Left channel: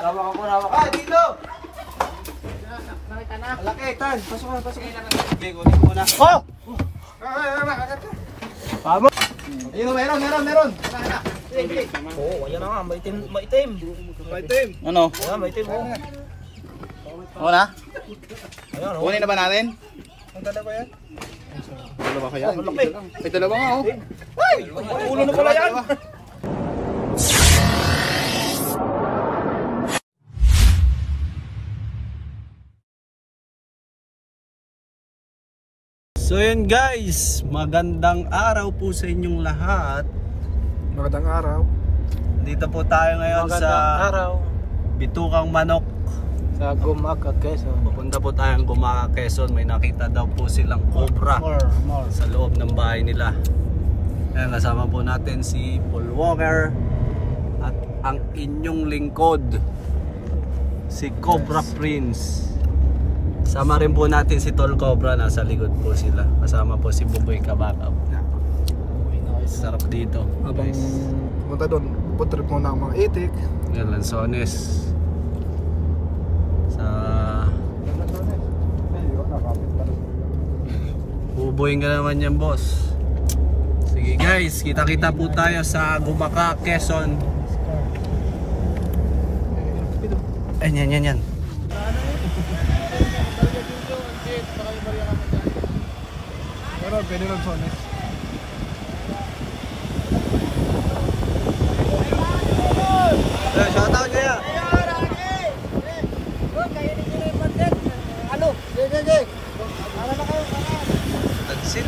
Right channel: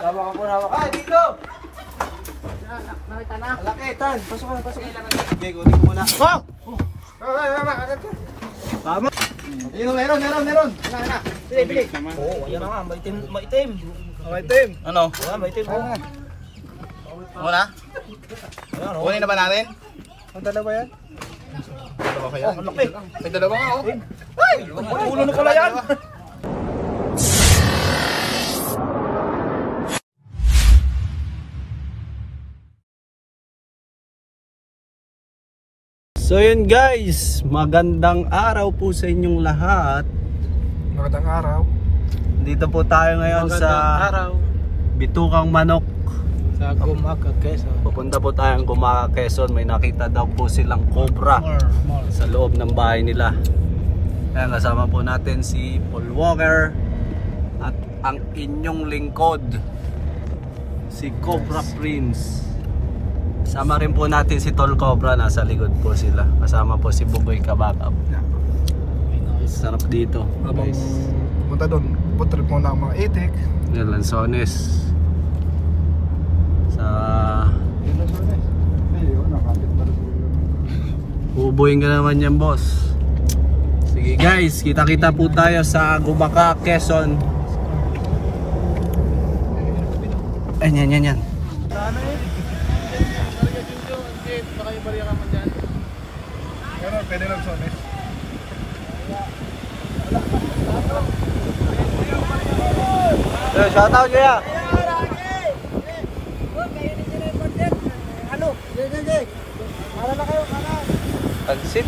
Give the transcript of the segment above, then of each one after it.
Hawak ako, hawak. Ah, dito! Malaki, Tan. Pasok ka, pasok ka. Okay, kunin ko muna. Oh! Tama. Ayun, meron. Oo, ayan na nga, maitim. Ano? Ayan, maitim. Muna? Ayan, oh. Kunin na ba natin? Ang dalawa yan? Dalawa kaya? Oh, malaki. May dalawa nga, oh. Ay! Ulo na pala yan! So yun guys, magandang araw po sa inyong lahat. Magandang araw. Dito po tayo ngayon sa Bitukang Manok Sa Gumaca, Quezon. Pupunta po tayong Gumaca, Quezon. May nakita daw po silang cobra sa loob ng bahay nila. Ayan, kasama po natin si Paul Walker at ang inyong lingkod, si Cobra Prince. Kasama rin po natin si Tol Cobra, nasa likod po sila. Kasama po si Buboy Kabakab. Sarap dito. Habang punta doon, putrip muna ang mga itik. Yung Lanzones. Sa Buboy ka naman yan, boss. Sige guys, kita-kita po tayo sa Gumaca, Quezon. Yan. Pwede lang sones. Shout out kaya. Ano? Sige. Para na kayo. Pansit.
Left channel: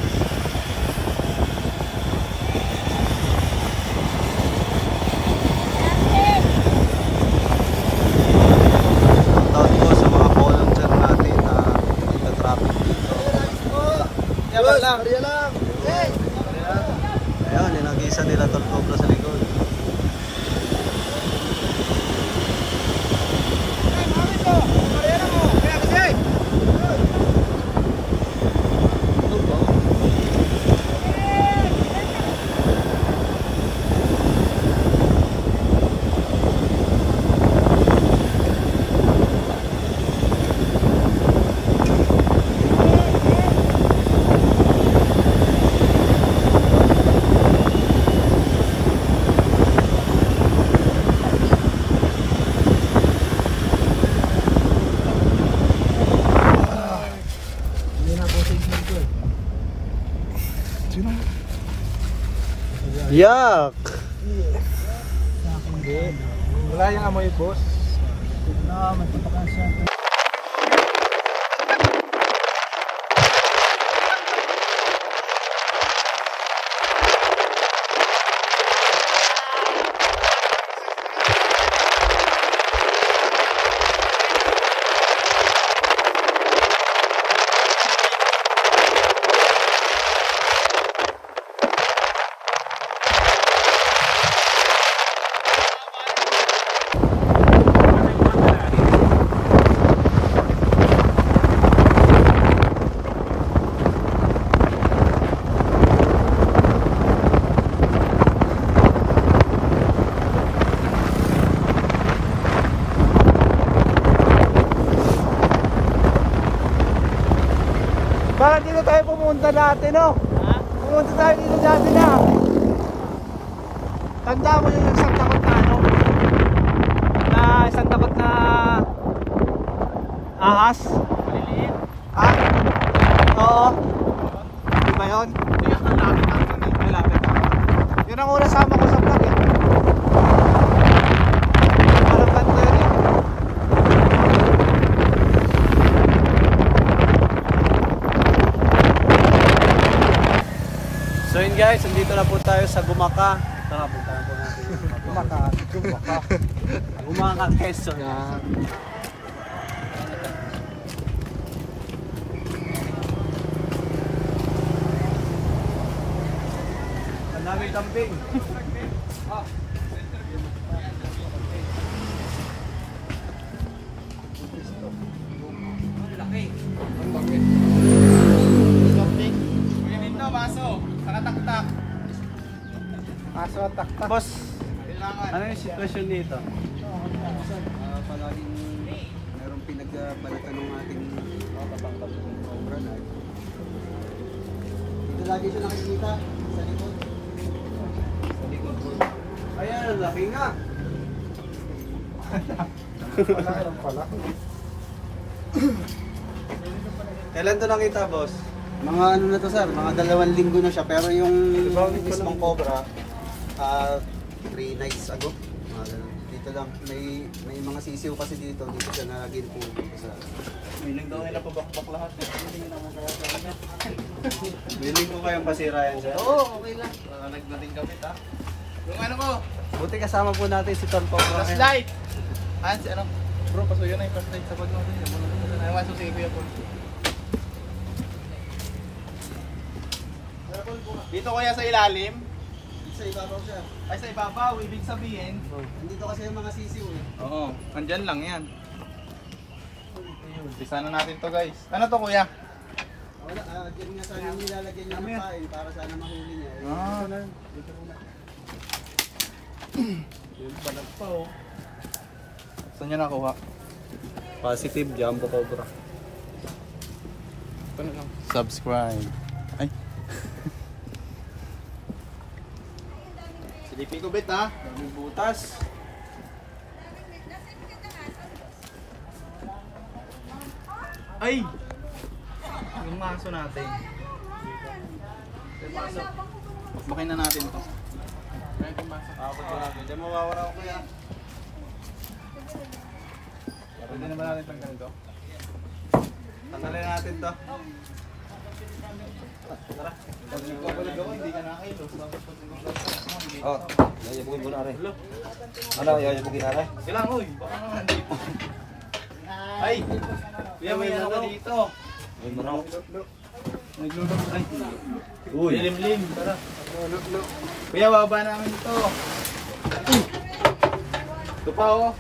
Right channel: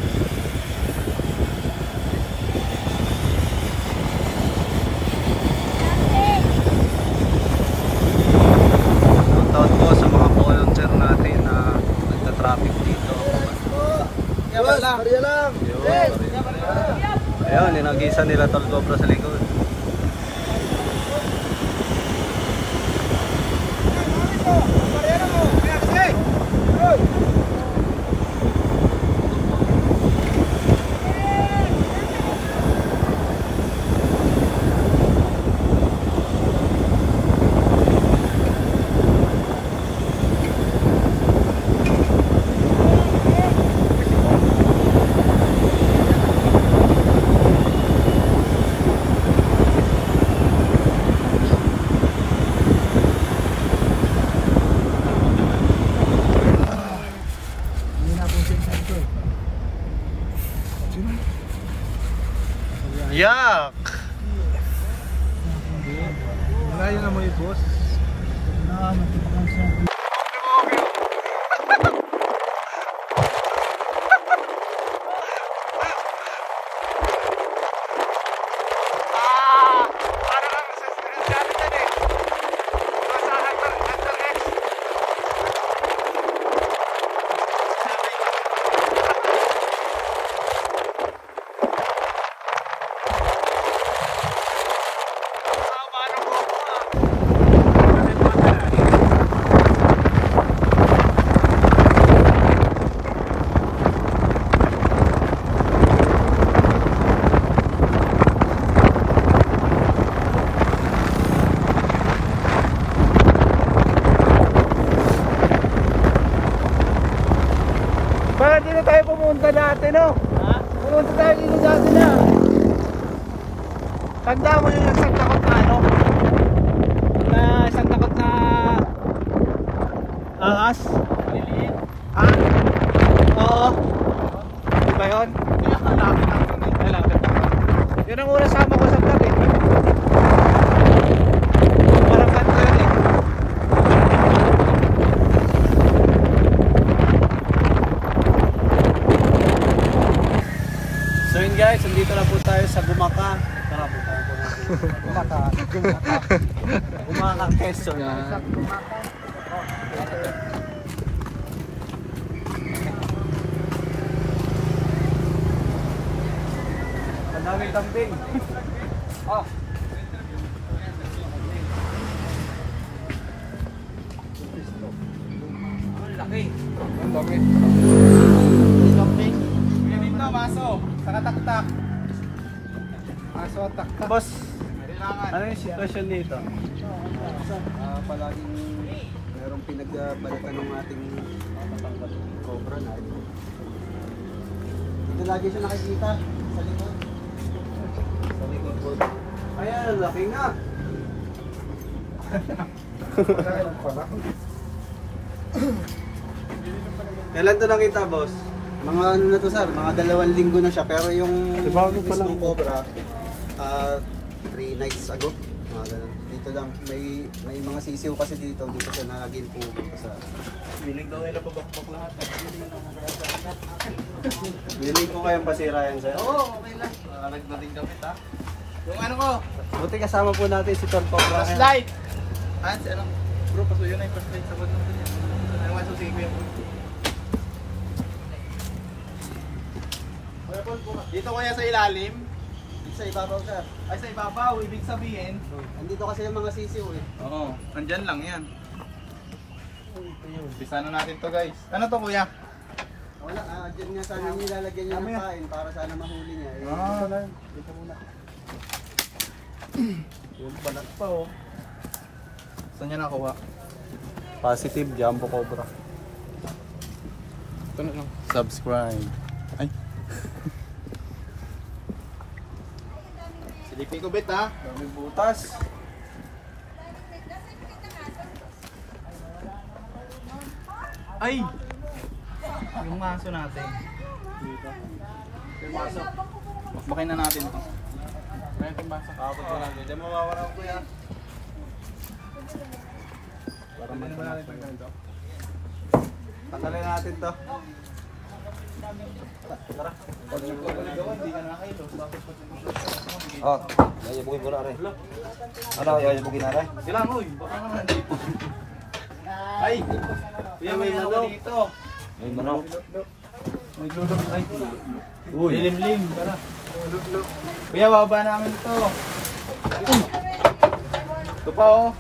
Shout out po sa mga volunteer natin na nagta-traffic dito. Ayun, ninagisa nila Tol Cobra sa likod. Yak! Wala yung amoy, boss. Bakit dito tayo pumunta dati, no? Ha? Pumunta tayo dito dati na. Tanda mo yung isang takot na ano? Na isang takot na ahas? Maliliit? Ha? Oo. Di ba yun? Ang lapit lang yun eh. Ay, lapit lang. Yun ang una sama ko sa vlog eh. Parang kanta yun eh. So yun guys, nandito na po tayo sa Gumaca. Tara, punta na po natin. Gumaca, Quezon. Ang daming kambing. Ang dami. Dito, baso. Saka taktak. Baso at taktak. Boss, ano yung sitwasyon dito? sir. Palaging mayroong pinagbalatan ng ating cobra na ito. Dito lagi siya nakikita sa likod. Sa likod po. Ayan, laki nga. Kailan to nakita, boss? Mga ano na to, sir, mga 2 linggo na siya, pero yung mismong cobra 3 nights ago. Mga ganun. Dito lang may mga sisiw kasi dito siya naging pumunta sa. Biling daw nila pabakbak lahat. Biling ko kayong pasira yan, sir. Oo, okay lang. Nagdating kami ha. Yung ano ko? Buti kasama po natin si Ton Cobra. Flashlight! Hans, ano? Bro, pasuyo na yung flashlight sa kod mo. Ano nga susi ko yan? Dito kaya sa ilalim? Sa ibabaw, sir. Ay sa ibabaw, ibig sabihin. Nandito kasi yung mga sisiw eh. Oo, andyan lang yan. Umpisa na natin to guys. Ano to kuya? Wala, dyan nga sana nilalagyan niya ng kain para sana mahuli niya. Dito muna. Yung balat pa oh. Saan nyo nakuha? Positive Jumbo Cobra. Subscribe. Ay. Silipin ko bet ha. Daming butas. Ay! Yung maso natin. Bakbakin na natin to. Kapag ko lang, hindi mawawala ko kuya. Pwede na ba natin itong ganito? Tanggalin natin to. Tara. Pag nagkabaligawan, hindi ka nakakailos. Bakit po Oh, ganyan bukid muna rin. Ano, ganyan bukid na rin? Silang, uy, baka naman dito. Ay! Kuya, may ano ka dito. May manok. Naglulok. Ay! Uy! Limlim, tara. Kuya, baba namin ito. Ito pa oh.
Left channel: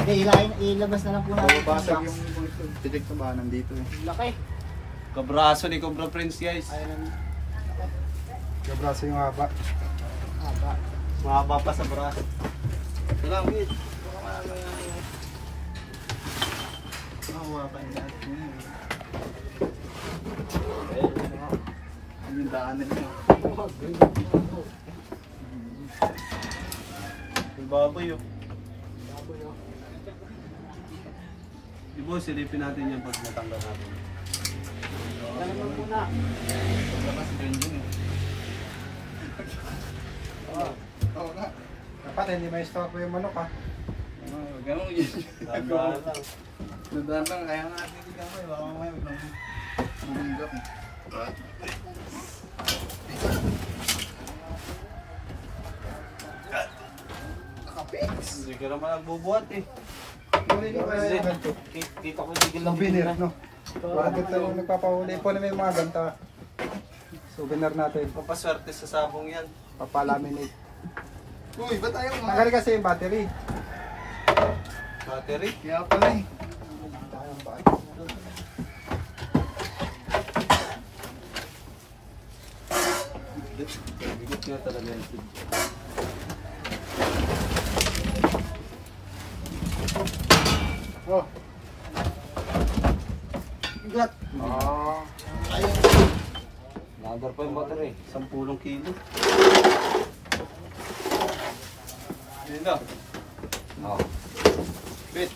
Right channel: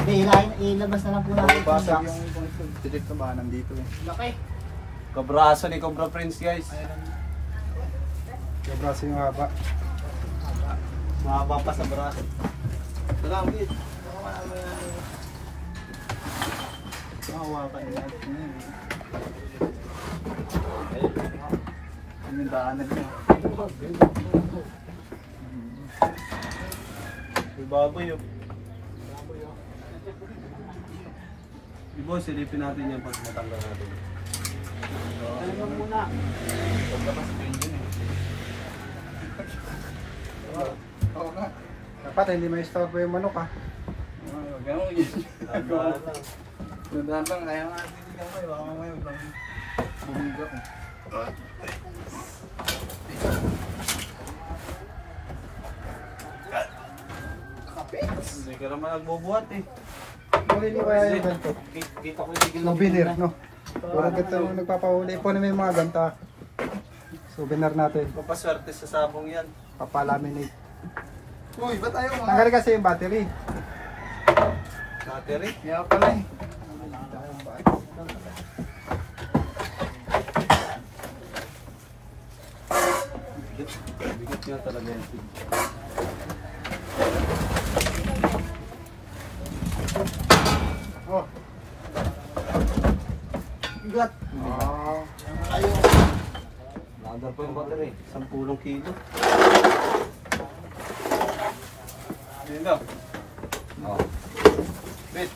Hindi, ilabas na lang po natin. Basag yung titik na ba nandito eh. Laki. Kabraso ni Cobra Prince guys. Kabraso yung haba. Mahaba pa sa braso. Tara, ulit. Hawakan nila. Yung daanan niya. May baboy oh. Di boss, silipin natin yan pag natanggal natin. Ano muna? Paglabas si Benjen eh. Oo nga. Dapat hindi may stock yung manok ha. Ganun yun. Nandaan lang, kaya nga hindi ka may baka may bumingak eh. Kapits! Hindi ka naman nagbubuhat eh. Huli ko kaya yung hanto. Kita ko hindi Souvenir, no? Bakit yung nagpapahuli po namin yung mga ganta. Souvenir natin. Papaswerte sa sabong yan. Papalaminate. Uy, ba't ayaw nga? Nagali kasi yung battery. Battery. Kaya pala eh. Bigot nga talaga yan. Oh. Bigot. Ayaw. Nakadar pa yung battery. 10 kilo. Dito. Oh. Bit.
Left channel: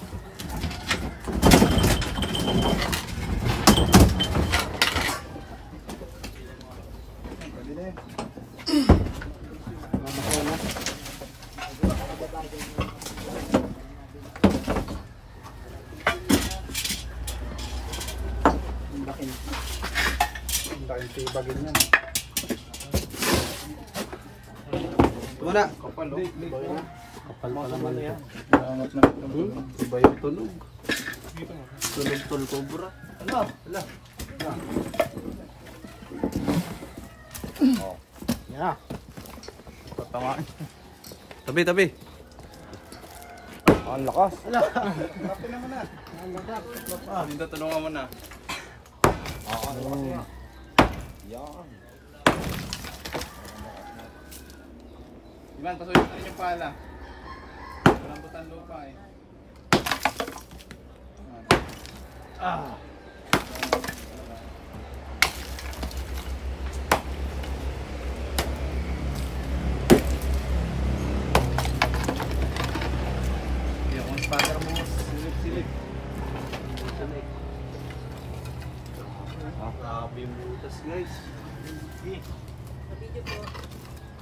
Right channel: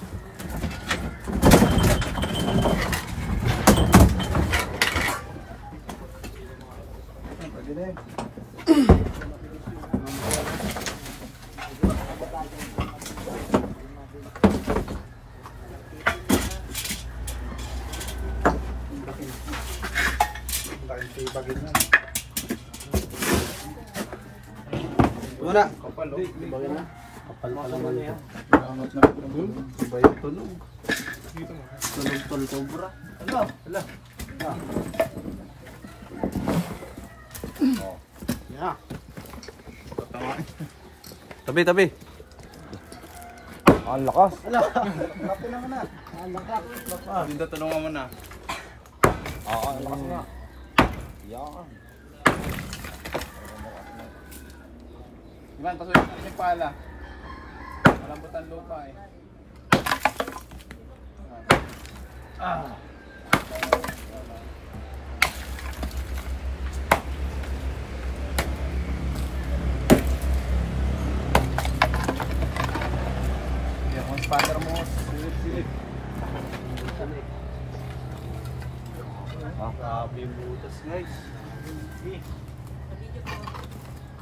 Pwede na yun. Bagay na. Ito na. Kapal oh. Bagay na. Kapal pa naman ito. Nakangat na ito. Iba yung tunog. Tunog tol Cobra. Ano? Hala. Yeah. Tabi, tabi. Ang lakas. Wala. Lapin naman na. Ang laka. Dito, tanungan mo na. Ivan, pasuyin natin yung pala. Malambutan lupa eh. Yung spanner mo, silip-silip. Grabe yung butas guys.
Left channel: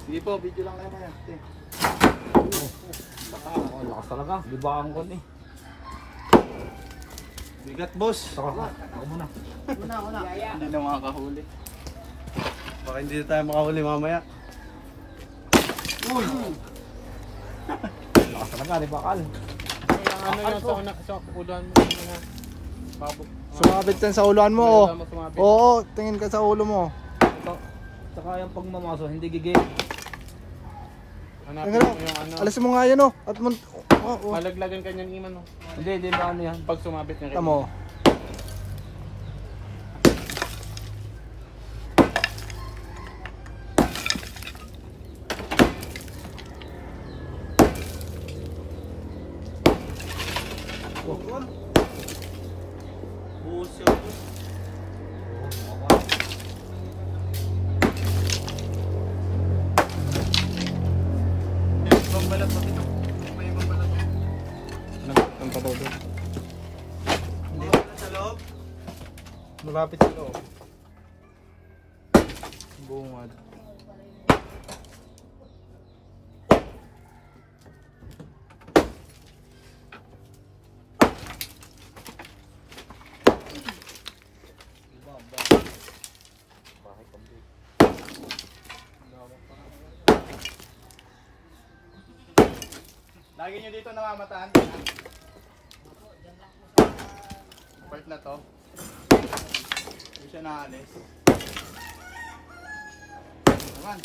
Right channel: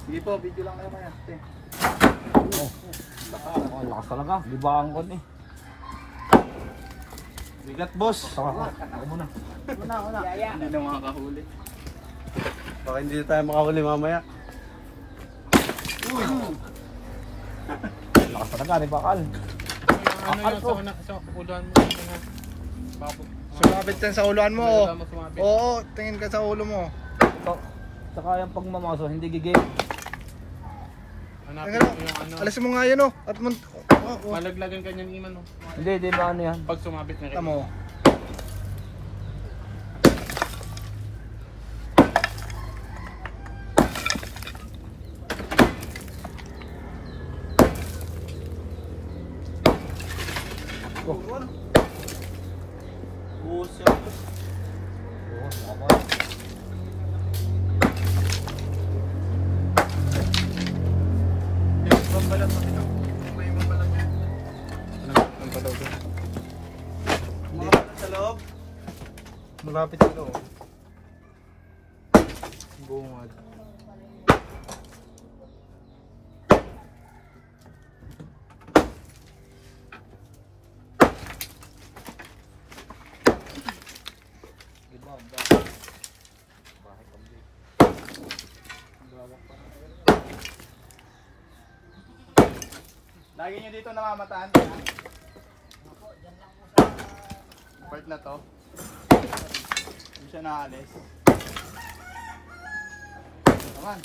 Sige po, video lang kayo maya. Lakas talaga, di ba ang kon eh. Bigat boss. Ako muna. Hindi na makakahuli. Baka hindi na tayo makahuli mamaya. Lakas talaga, di ba Kal? Sumabit yan sa uluan mo. Oh. Oo, tingin ka sa ulo mo. Saka yung pagmamaso, hindi gigil. Alas mo nga yan oh. At Malaglagan kanyang iman. Hindi, di ba ano yan? Pag sumabit na rin. Tamo. Buhos yan. Hindi na sa loob. Malapit sa loob. Bungad. Lagi nyo dito namamataan. Part na to. Hindi siya naalis. Naman.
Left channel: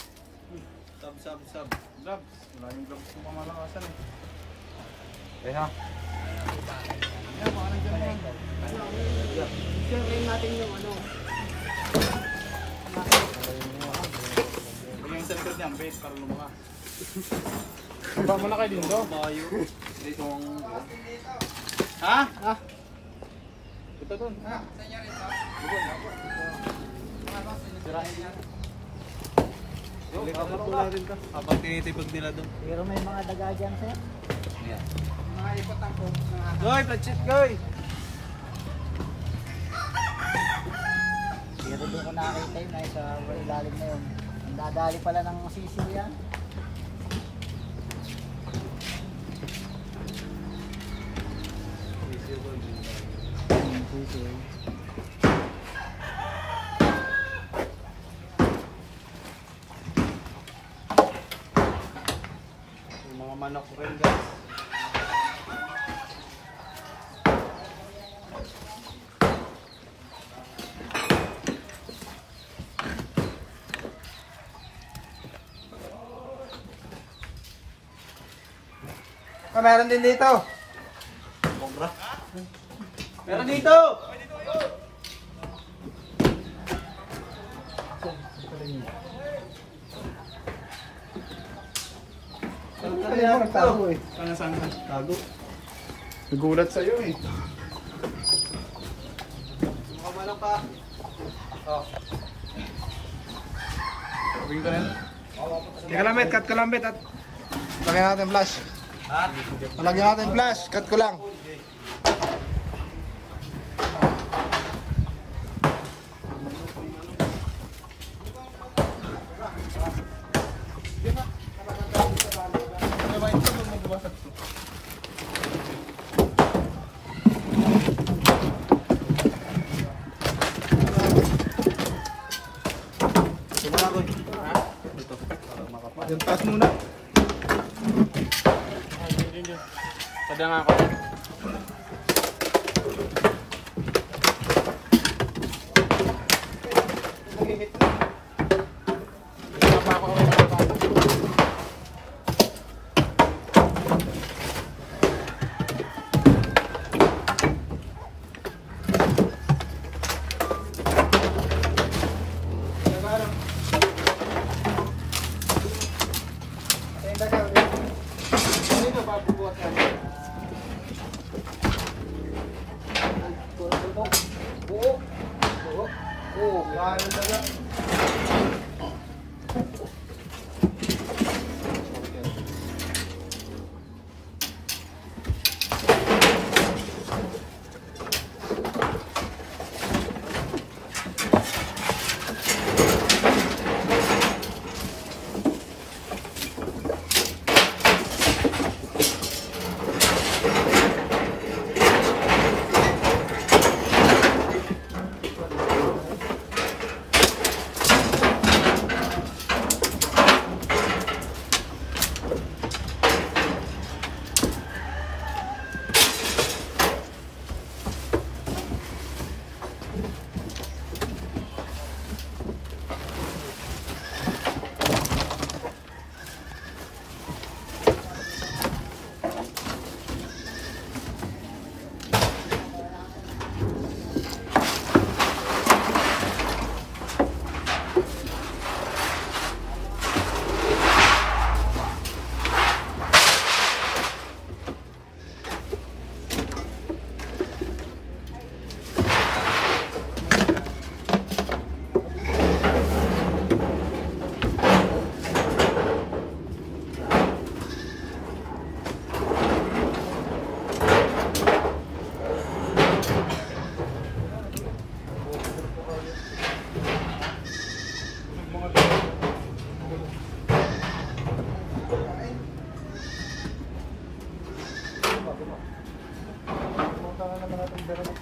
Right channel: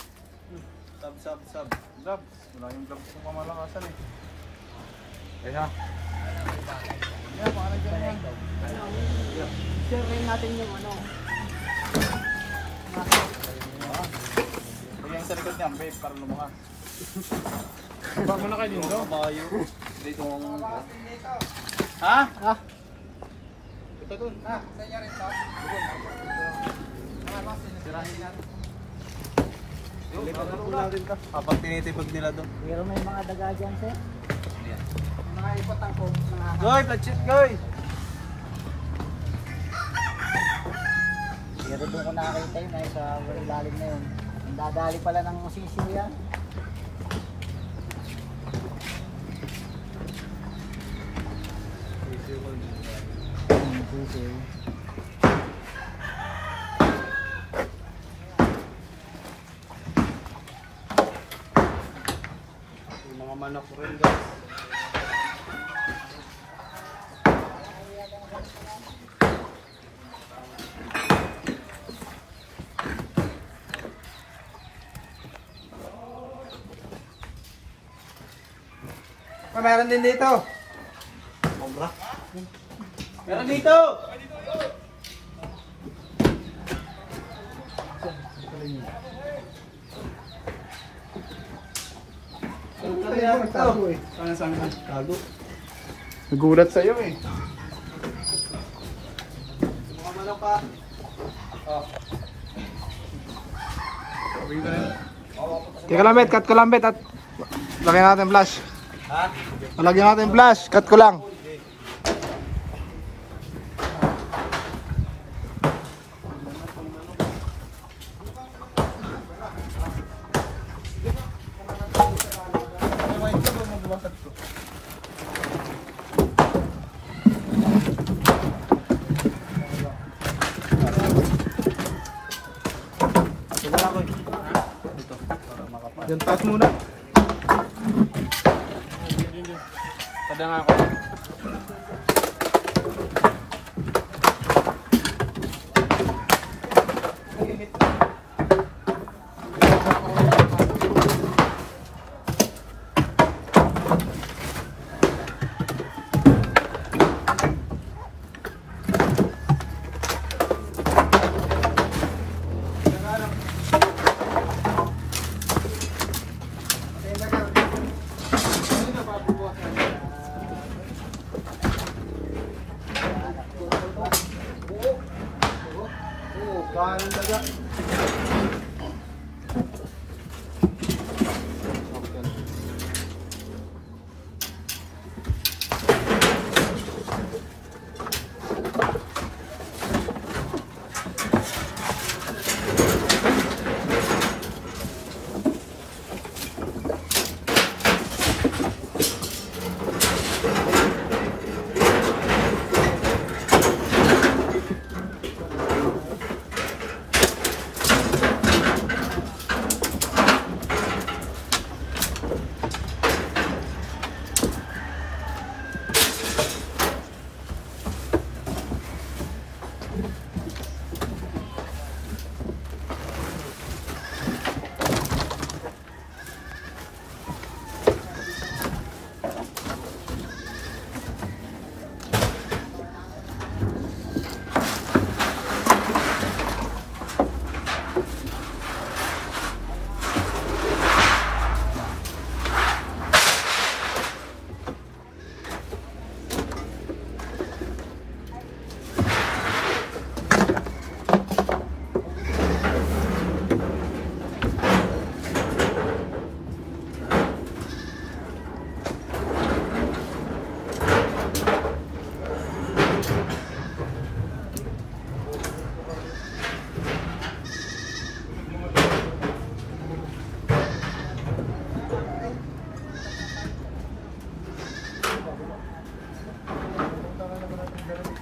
Sab. Gloves. Wala yung gloves ng pamalakasan eh. Yan ha. Yan, baka nandiyan na yan. Sure natin yung ano. Bigyan sa likod niya, babe, para lumunga. Bago na kayo dito. Tayo. Dito ang... Ha? Ito dun. Balikan na po natin ka. Habang tinitipag nila doon. Pero may mga daga dyan, sir. Yan. Mga ipotang ko. Mga Goy, platchit goy! Pero doon ko nakakita yun ay sa ilalim na yun. Ang dadali pala ng sisiw yan. Yung mga manok rin guys. Meron din dito. Cobra. Meron dito. Saan? Tago. Nagulat sa'yo eh. Mga manok ka. Oh. Teka lang, bet. Cut ko lang, bet. At lagyan natin flash. Ha? Lagyan natin flash. Cut ko lang. Tumala ko. Ito. Para makapal. Yan, pause muna. Pada nga ako.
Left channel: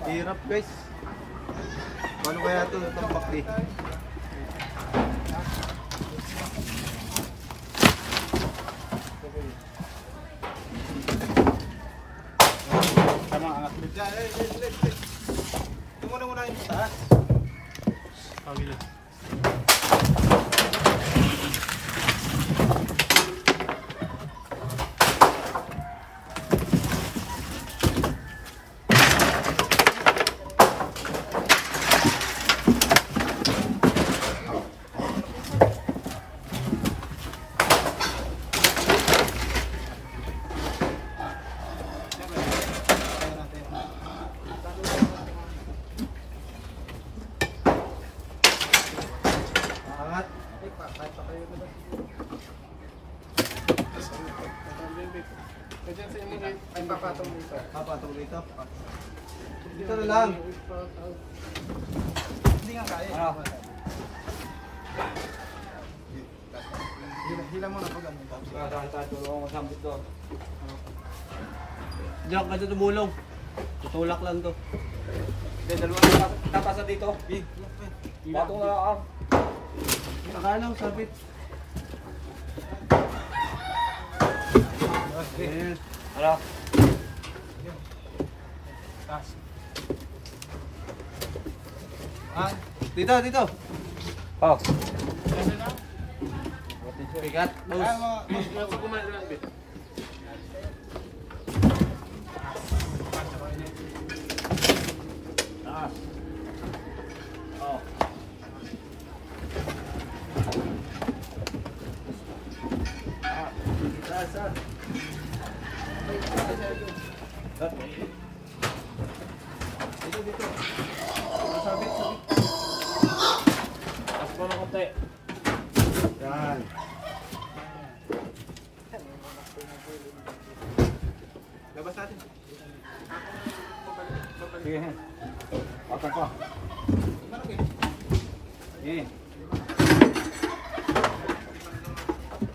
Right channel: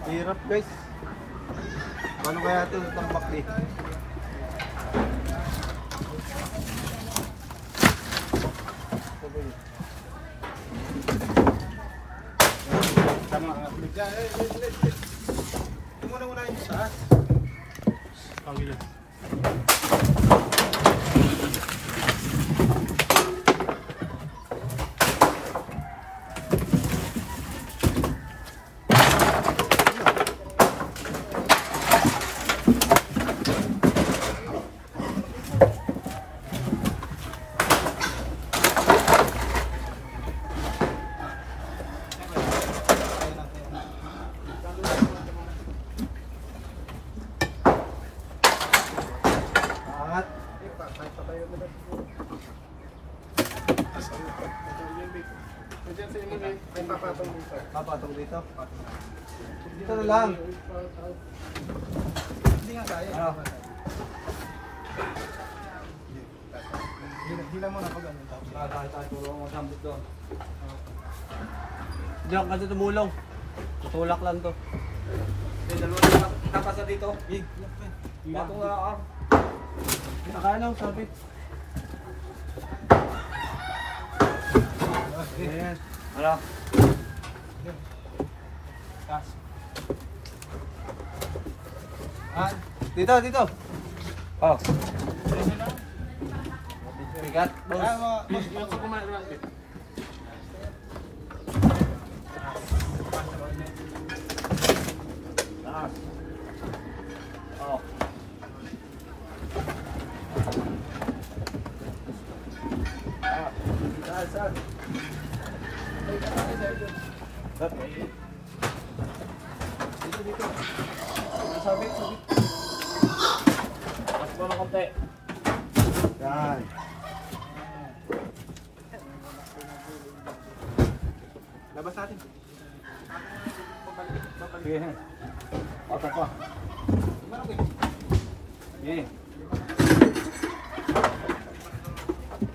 Hirap guys. Paano kaya ito tambak di? Tama ang atlet. Ito muna yung taas. Pagilid. Papatong dito. Dito na lang. Hindi nga kaya. Hila mo na pag ano. Tulungan ko sambot to. Diyan ka dito tumulong. Tutulak lang to. Dalawa kakasa dito. Batong nga ka. Nakano, sabit. Yes. Ano? Taas. Dito, dito. Oh. Bigat. Mas kumain lang. Taas. Oh. Sabit. Taas ko na konti. Yan. Labas natin. Sige. Patang ko. Sige.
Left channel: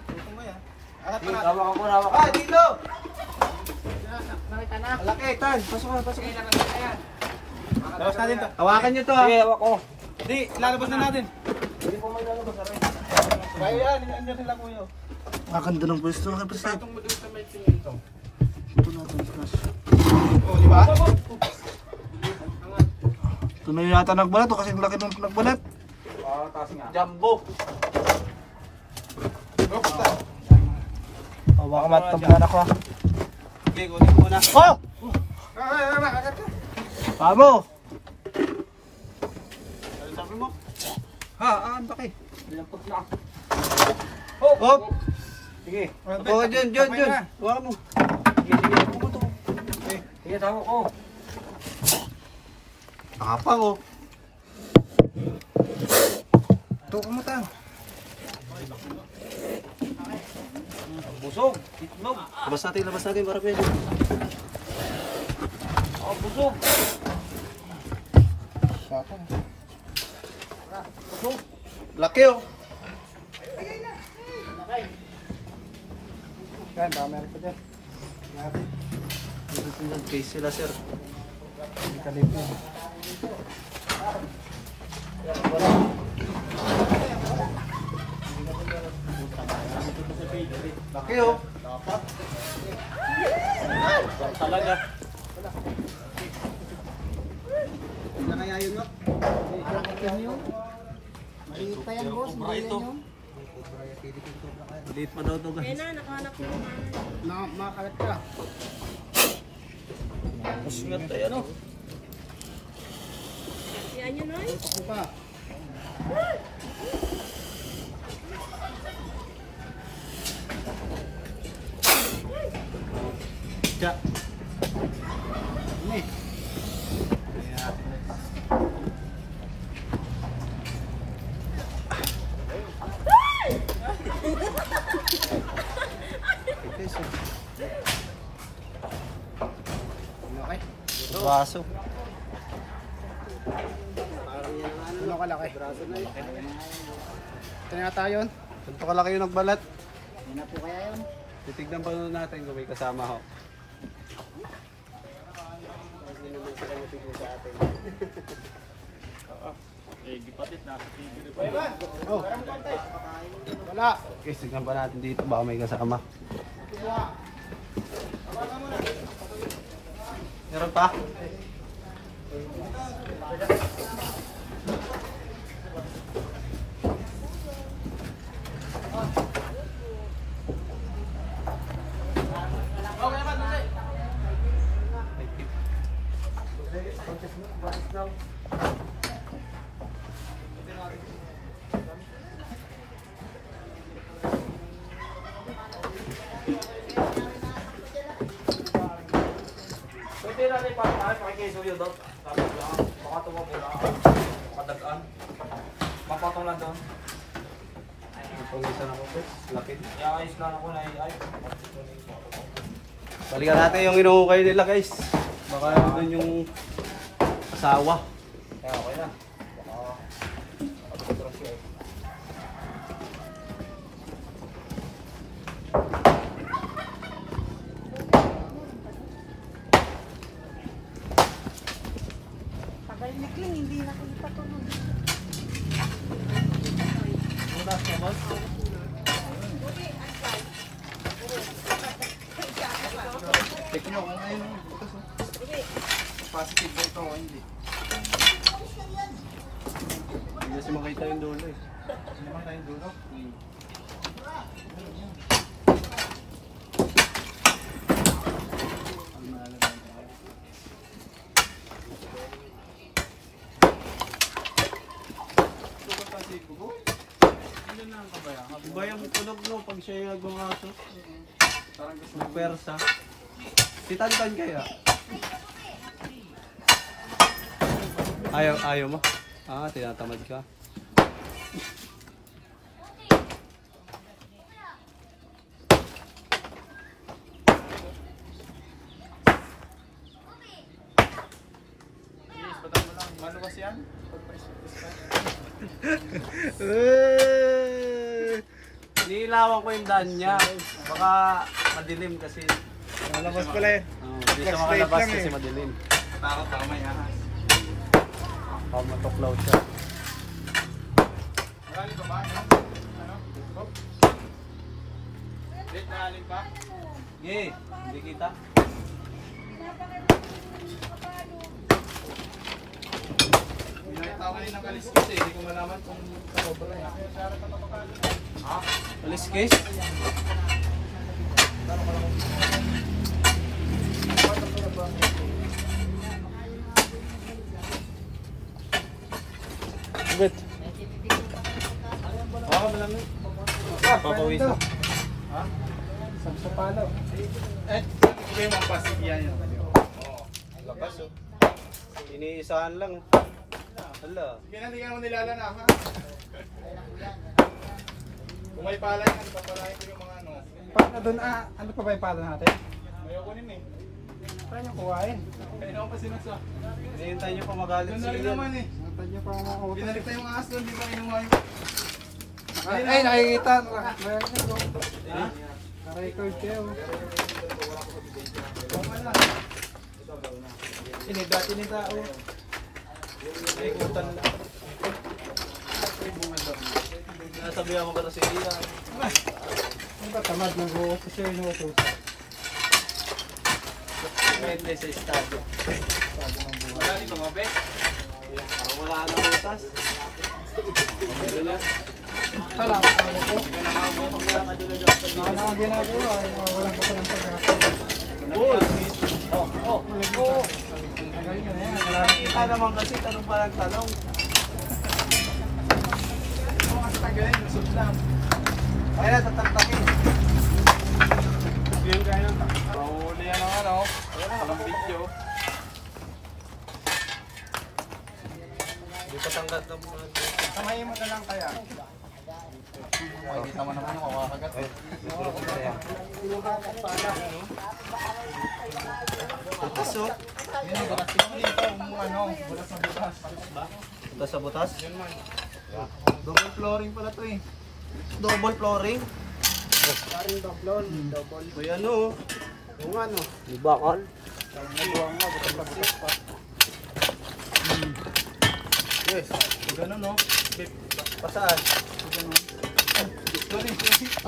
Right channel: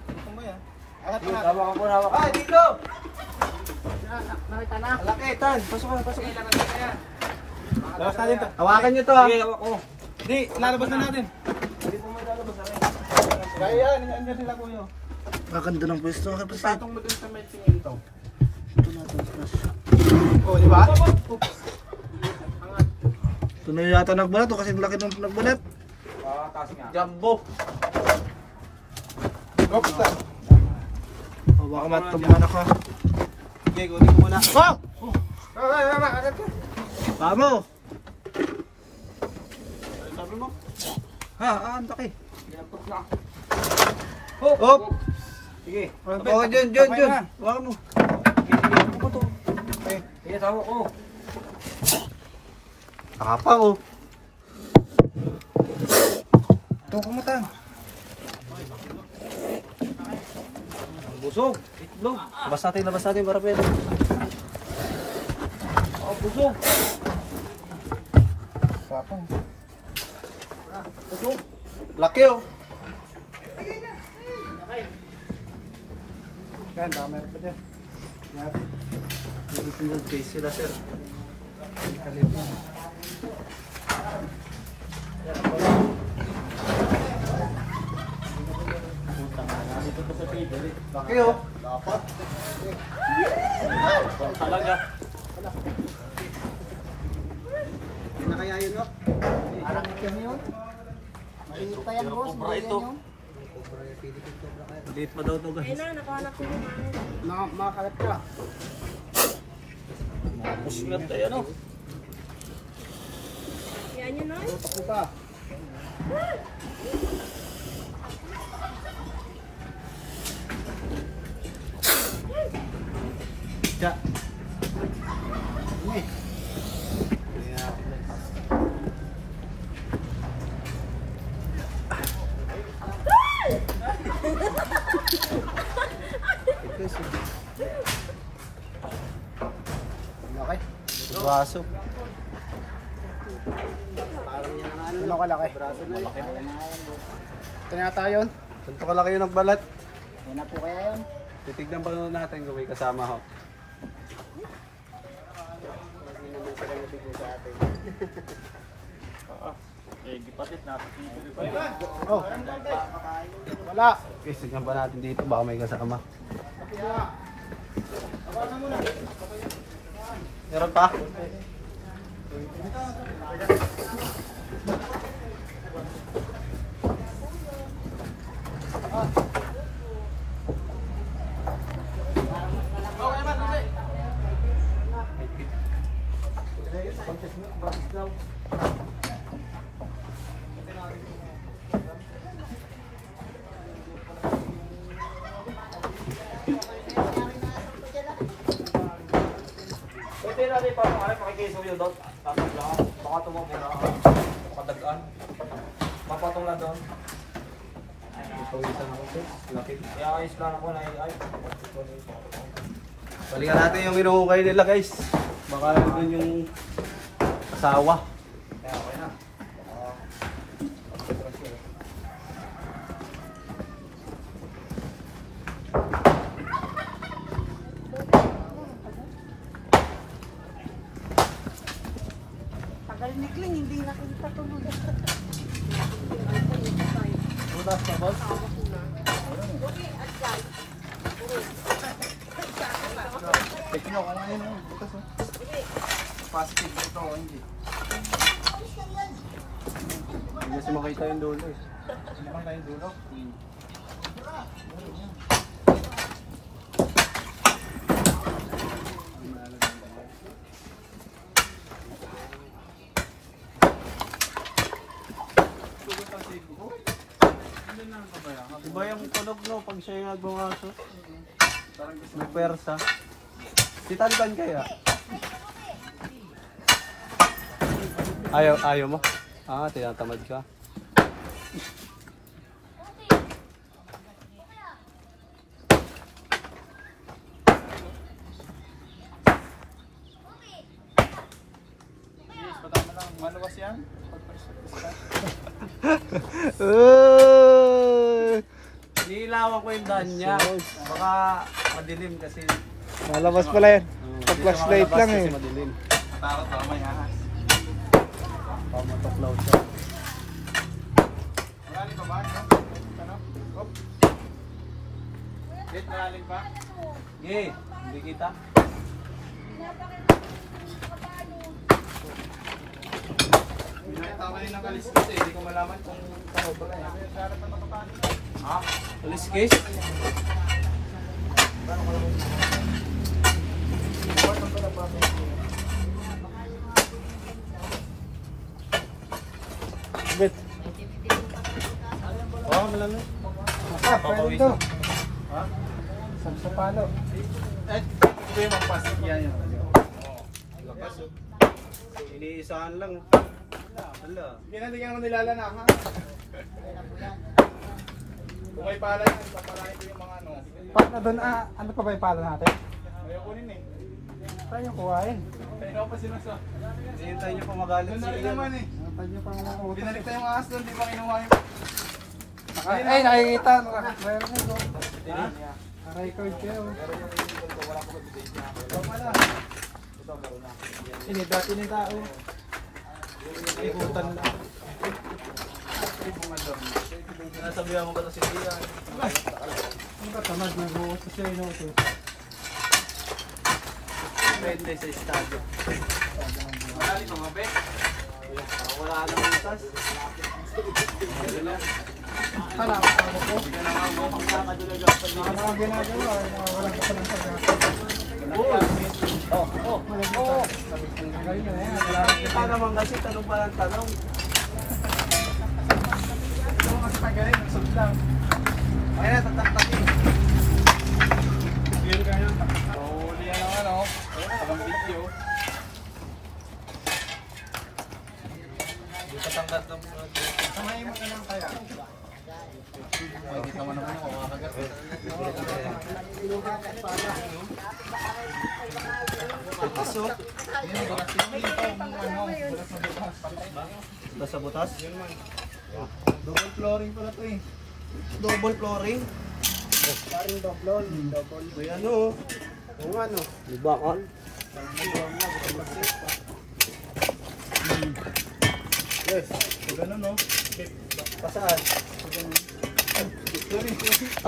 Gusto mo yan? Angat mo natin. Hawak ko, hawak. Ah, dito. Nakita na. Malaki, Tan. Pasok ka, pasok ka. Labas natin to. Hawakan nyo to ha. Sige, hawak ko. Hindi, lalabas na natin. Kaya yan, andyan sila kuyo. Ganda ng pwesto. Patong mo dun sa may simento. Oh, di ba? Ito na yata nagbalat o kasi laki ng nagbalat. Taas nga. Jumbo. Bukta. Oh, baka matabuhan ako ha. Okay, kunin ko muna. Oh! Agad to. Vamo! Sabi mo? Ha, ang laki. Dapat na. Hop! Sige. Oh, dyan. Hawakan mo. Sige, hawak ko. Nakapang oh. kumutan. Busog. Itlog. Labas natin para pwede. Oh, busog. Sapang. Busog. Laki oh. Yan, dami ako dyan. Single case sila sir. Laki oh. Dapat. Talaga. Hindi na kaya yun, no? Parang itim yun. Hindi pa yan, boss. Hindi yan yun. Maliit pa daw to guys. Makakalat ka. Swerte yan oh. Yan yun, Noy. Ako pa. Tiya. Ini. Ayan natin guys. Okay. Baso. Ano kalaki? Ito na tayo yun. Ganito kalaki yung nagbalat. Una po kaya yun. Titignan pa nun natin kung may kasama ho. Oh. Wala. Okay, tignan pa natin dito baka may kasama. Meron pa? Pwede natin pakikisa yun daw. Baka tumapira. Makadagaan. Papatong lang doon. Pawisan ako sir. Laki. Kaya ayos lang ako na ay. Balikan natin yung inuukay nila guys. Baka doon yung asawa. Kaya okay na. Baka pagkatras yun. Tagal ni Cling, hindi nakita ko. Butas ka boss? Check nyo kung ngayon yung butas, oh. Positive ba ito o hindi? Hindi kasi makita yung dulo eh. Hindi bang tayong dulo? Iba yung tunog no pag siya yung nagbukaso. May persa. Titantan kaya? Ayaw mo? Ah, tinatamad ka. Maluwas yan? Nilawan ko yung daan niya. Baka madilim kasi. Malabas pala yan. Hindi siya Flashlight makalabas lang kasi eh. madilim. Takot ba may ahas? Pamatuklaw siya. Malalim pa ba? Ano? Hop. Late malalim pa? Sige, hindi kita. Binayataw kayo ng kaliskis eh. Hindi ko malaman kung takot ba yan. Alis case? Bet. Hawakan mo lang eh. Papawisan. Sa palo. Ito yung mga pasig yan. Oo. Lakas oh. Iniisahan lang. Wala. Sige na, hindi ka naman nilalana ha. Kung may pala yan, papalain ko yung mga ano. Paano doon? Ano pa ba yung pala natin? Ayaw ko rin eh. Saan yung kuhain? Kaya ako pa sinasa. Hinihintay nyo pa magalit Doon si na rin Ian. naman eh. Saan yung pang utos? Binalik tayo yung ahas doon, di ba kinuha yung... Ay, nakikita. Naka-record kayo. Sinidati ni tao. Ikutan lang. Nasabihan mo ba ito si Ian? Ano ba tamad? Nag-uusap siya yung utos. Depende sa estado. Wala ni mga bek. Wala nang utas. Hala, ano po? Baka na ang ginagawa. Walang pa palang pag-asa. Malagita. Magaling ka na yan. Kita naman kasi tanong pa lang tanong. Ito mga tagay, nagsublang. Ay na, tataktakin. Yan kaya ng pahuli yan ako, no? Walang video. Hindi patanggat ng mga Samayin mo na lang kaya. Makikita mo naman ako, makakagat eh. butas oh. Yan ang butas dito, ano, butas na butas. Butas sa butas? Yan man. Double flooring pala to eh. Double flooring. Paring doblon, double. May ano oh. Kung ano, Libakal. Yes, so ganun no. Pasaan?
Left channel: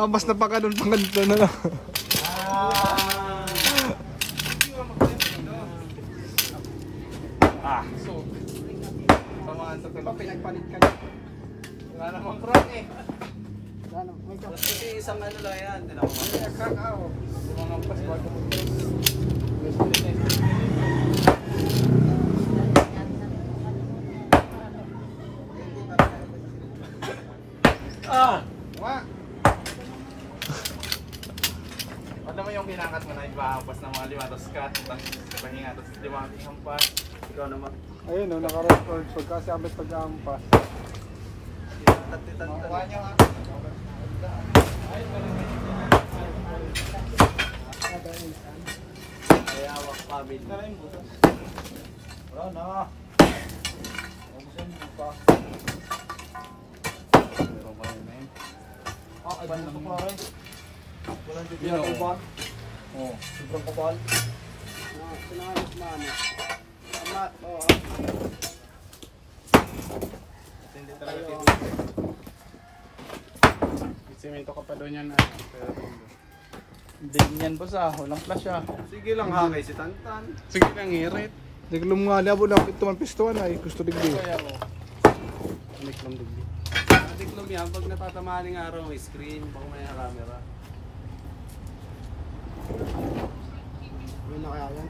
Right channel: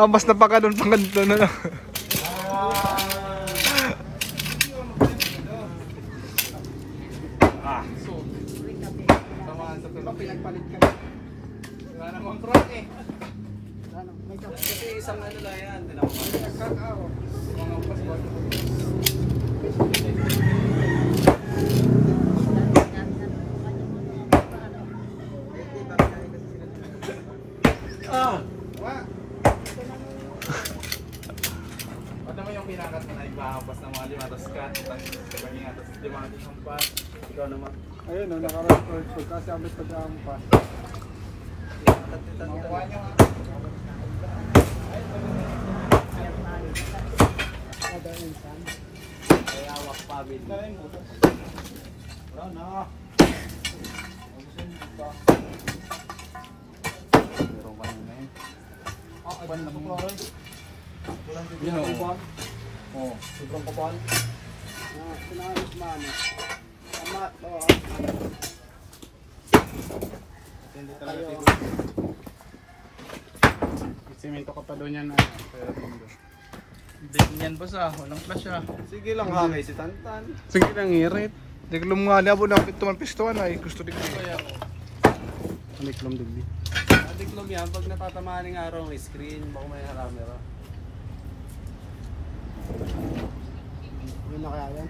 Mas napaka doon pang ganito na lang. So, samahan sa tulog. Pinagpalit ka na. Nga naman crack eh. Kasi isang ano lang yan. Tinawag ko. Crack out. Mga paswal. Ah! Wa! Ba't naman yung kinakat mo na ibahampas ng mga lima, tapos cut, tapos pahinga, tapos lima, hampas. Ikaw naman. Ayun, naka-record ko kasi abot pag-ampas. Makuha nyo ha. Kaya hawak pabid. Dala yung butas. Wala na. Ubusin mo pa. Meron ka na yun. Iban lang mo. Walang Yan, bibigyan. iban. Oo. Sobrang kapal. Hindi talaga tipo. Simento ka pa doon yan. Big niyan boss ah. Walang flash ah. Sige lang ha, may si Tantan. Sige lang hirit. Hindi ko lumungali. Abo lang pituman pistuan ay. Gusto digdi. Hindi ko lang digdi. Adiklom yan, pag natatamaan ng araw, may screen, baka may camera. yun na kaya yan.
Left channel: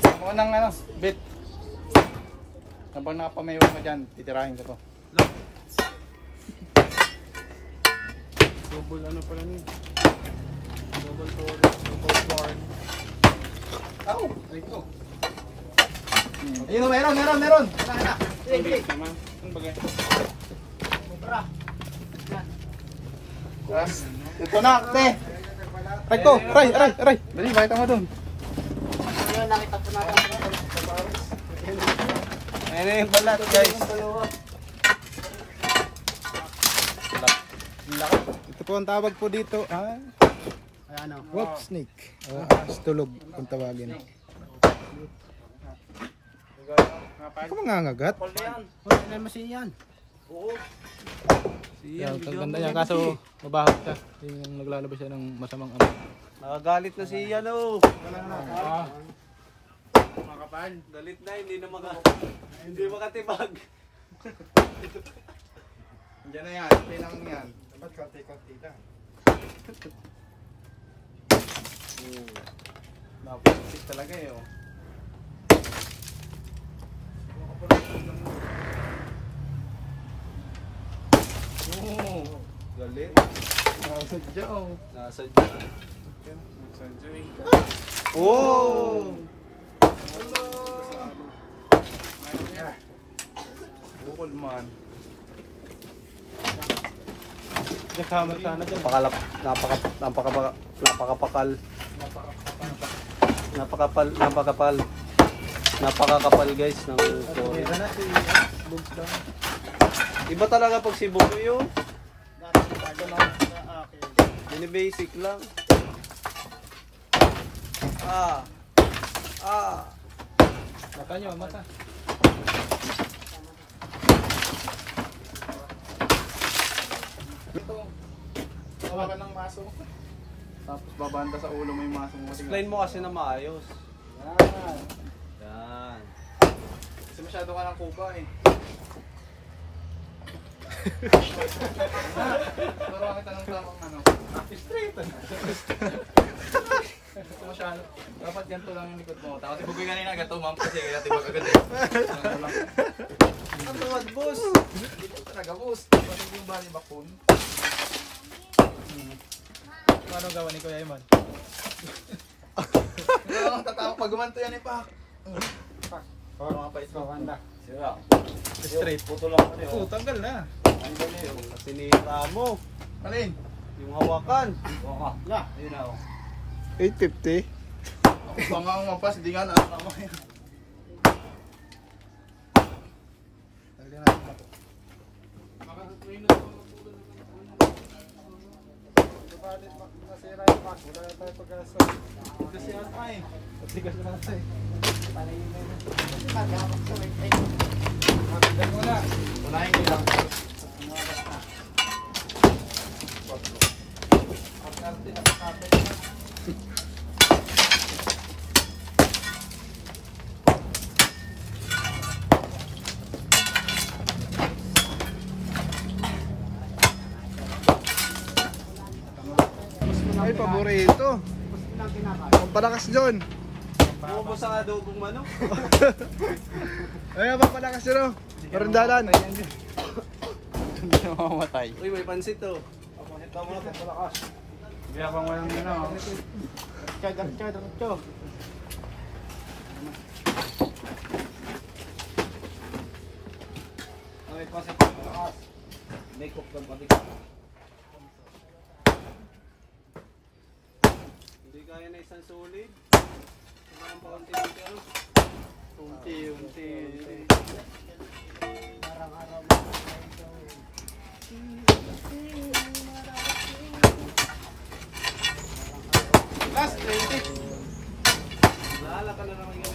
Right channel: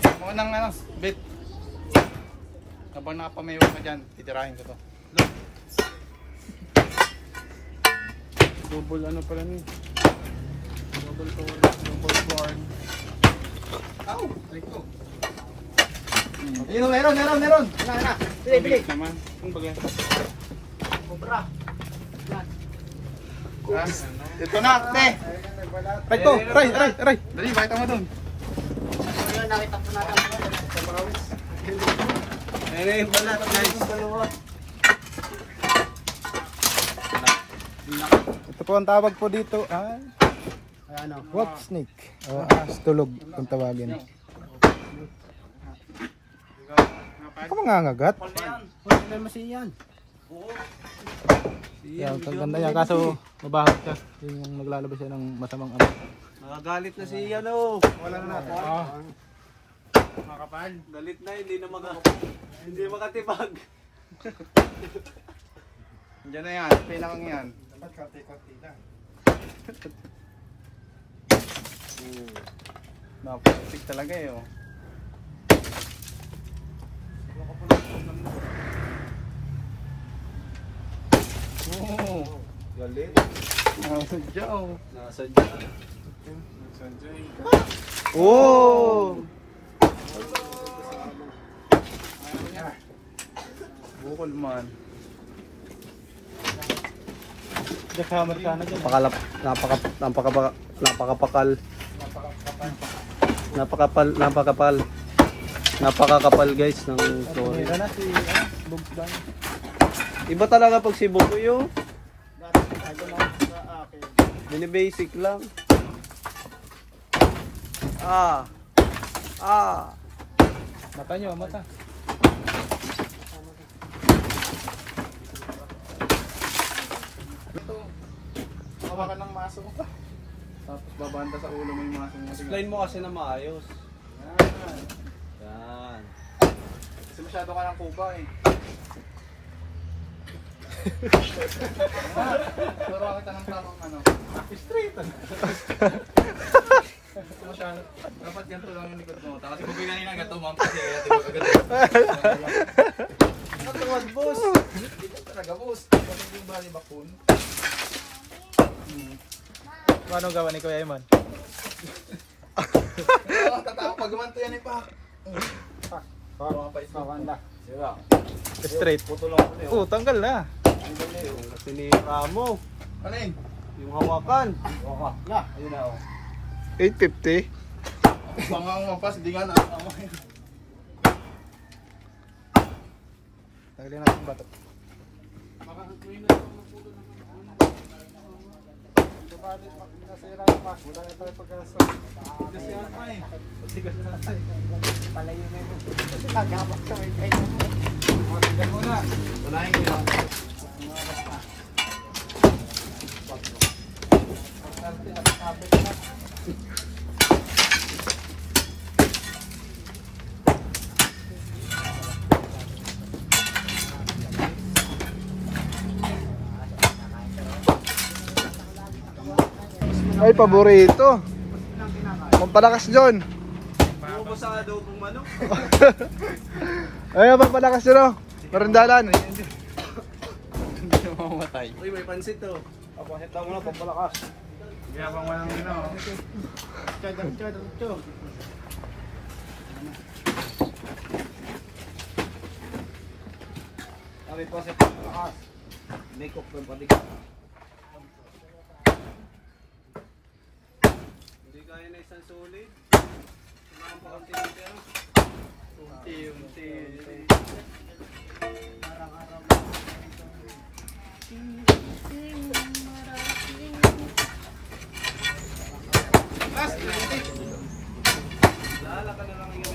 Ako nang ano, bit. Habang nakapamayo ka dyan, titirahin ko to. Double ano pala niyo? Double board. Ako! Ayun, meron. Bilis naman. Ano ba ganyan? Cobra. Ito na, te! Aray ko! Aray! Dali, bakit mo dun? Yun, nakita po natin. Yan yung balat guys. Ito po ang tawag po dito ay Ano? wolf snake. O tulog kung tawagin. Ako mangangagat. Huwag na masiyan. Yan, kaganda yan. Kaso mabahag siya. Yun yung naglalabas siya ng masamang ano. Nakagalit na si Ian oh. Wala na. Makapal. Galit na, hindi makatibag. Diyan na yan, kailangan yan. Dapat konti-konti lang. Napakasig talaga eh oh. Galit. Nasadya oh. Nasadya. Nasadya eh. Oh! naman. Nagkamot ka na dyan. Napakakapal guys ng story. Iba talaga pag si Bobo yung basic lang. Mata nyo, mata. Wala ka ng maso mo pa. Tapos babanda sa ulo mo yung maso mo. Explain mo kasi na maayos. Yan. Kasi masyado ka ng kuba eh. Pero kita ng tamang ano. Straight. Masyado. Dapat ganito lang yung likod mo. Tapos ibigay kanina gato, mampas eh. Kaya tibag agad eh. Ano boss? Ito talaga boss. Bakit yung bali bakun? Ano gawa ni Kuya Eman? Tatawa pag gumanto yan eh pa. Mga pa ito. Sira. Straight. Puto lang ulit. Oh, tanggal na. Sinira mo. Alin? Yung hawakan. Waka. Na. Ayun na oh. 850. Banga ang mapas. Hindi nga nakakama yan. Tanggalin natin bato. Nasira yung pack. Wala na tayo pag-asa. Kasi ano pa eh. Tigas na lang sa'yo. Matigas mo na. Walahin ko lang. Pagkarte, nakakapit na. Ay, paborito. Pampalakas John. Bubo sa adobong manok. Ay, pampalakas John oh. Marindalan. Hindi na mamamatay. Uy, may pansit to. Papanit daw na pampalakas. Kaya pang walang ina. Chado. Kami pa sa pampalakas. May cook ng patigas. Hindi kaya na isang solid. Sumahan pa konti dito. Unti. Last 20. Lala ka na lang yung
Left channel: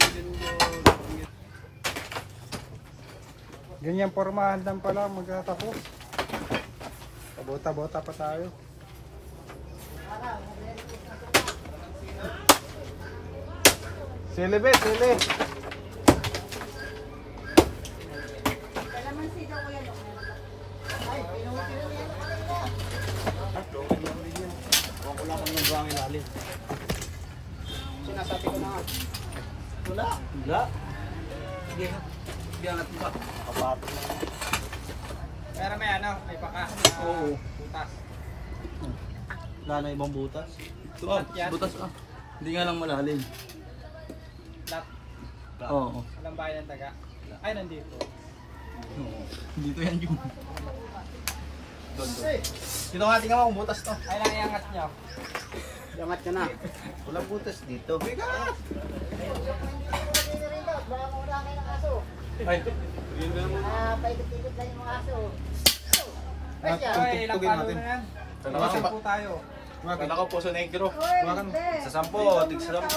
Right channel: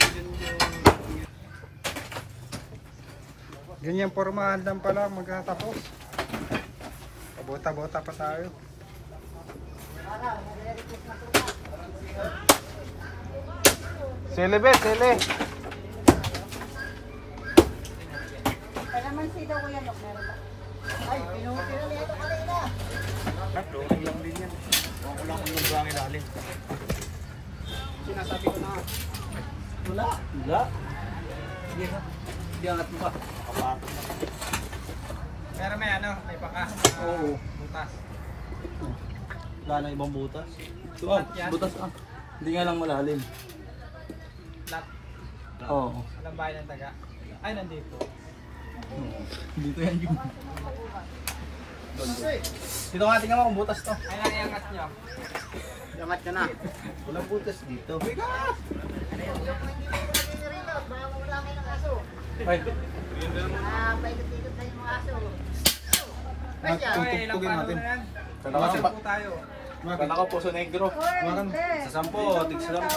Ganyan pormahan lang pala magtatapos. Pabota-bota pa tayo. Sele be, sele. Kalamansi daw ko yan, meron ba? Ay, pinutiro yan pa rin na. Flooring lang din yan. Huwag ko lang kung yung bang ilalim. Sinasabi ko na. Wala. Hindi angat mo pa. Kaya may ano, may pakas. Oo. Butas. Wala na ibang butas. Ito butas ah. Hindi nga lang malalim. Oo. Walang bahay ng taga. Ay, nandito. Dito yan yung. Dito nga, tingnan mo kung butas to. Ay, naiangat nyo. Angat ka na. Walang butas dito. Ay, Paikot-ikot lang yung mga aso. tugtugin natin. Dalawa si Po tayo. Kala ko puso negro. Makan. Sa 10, tig sa 10.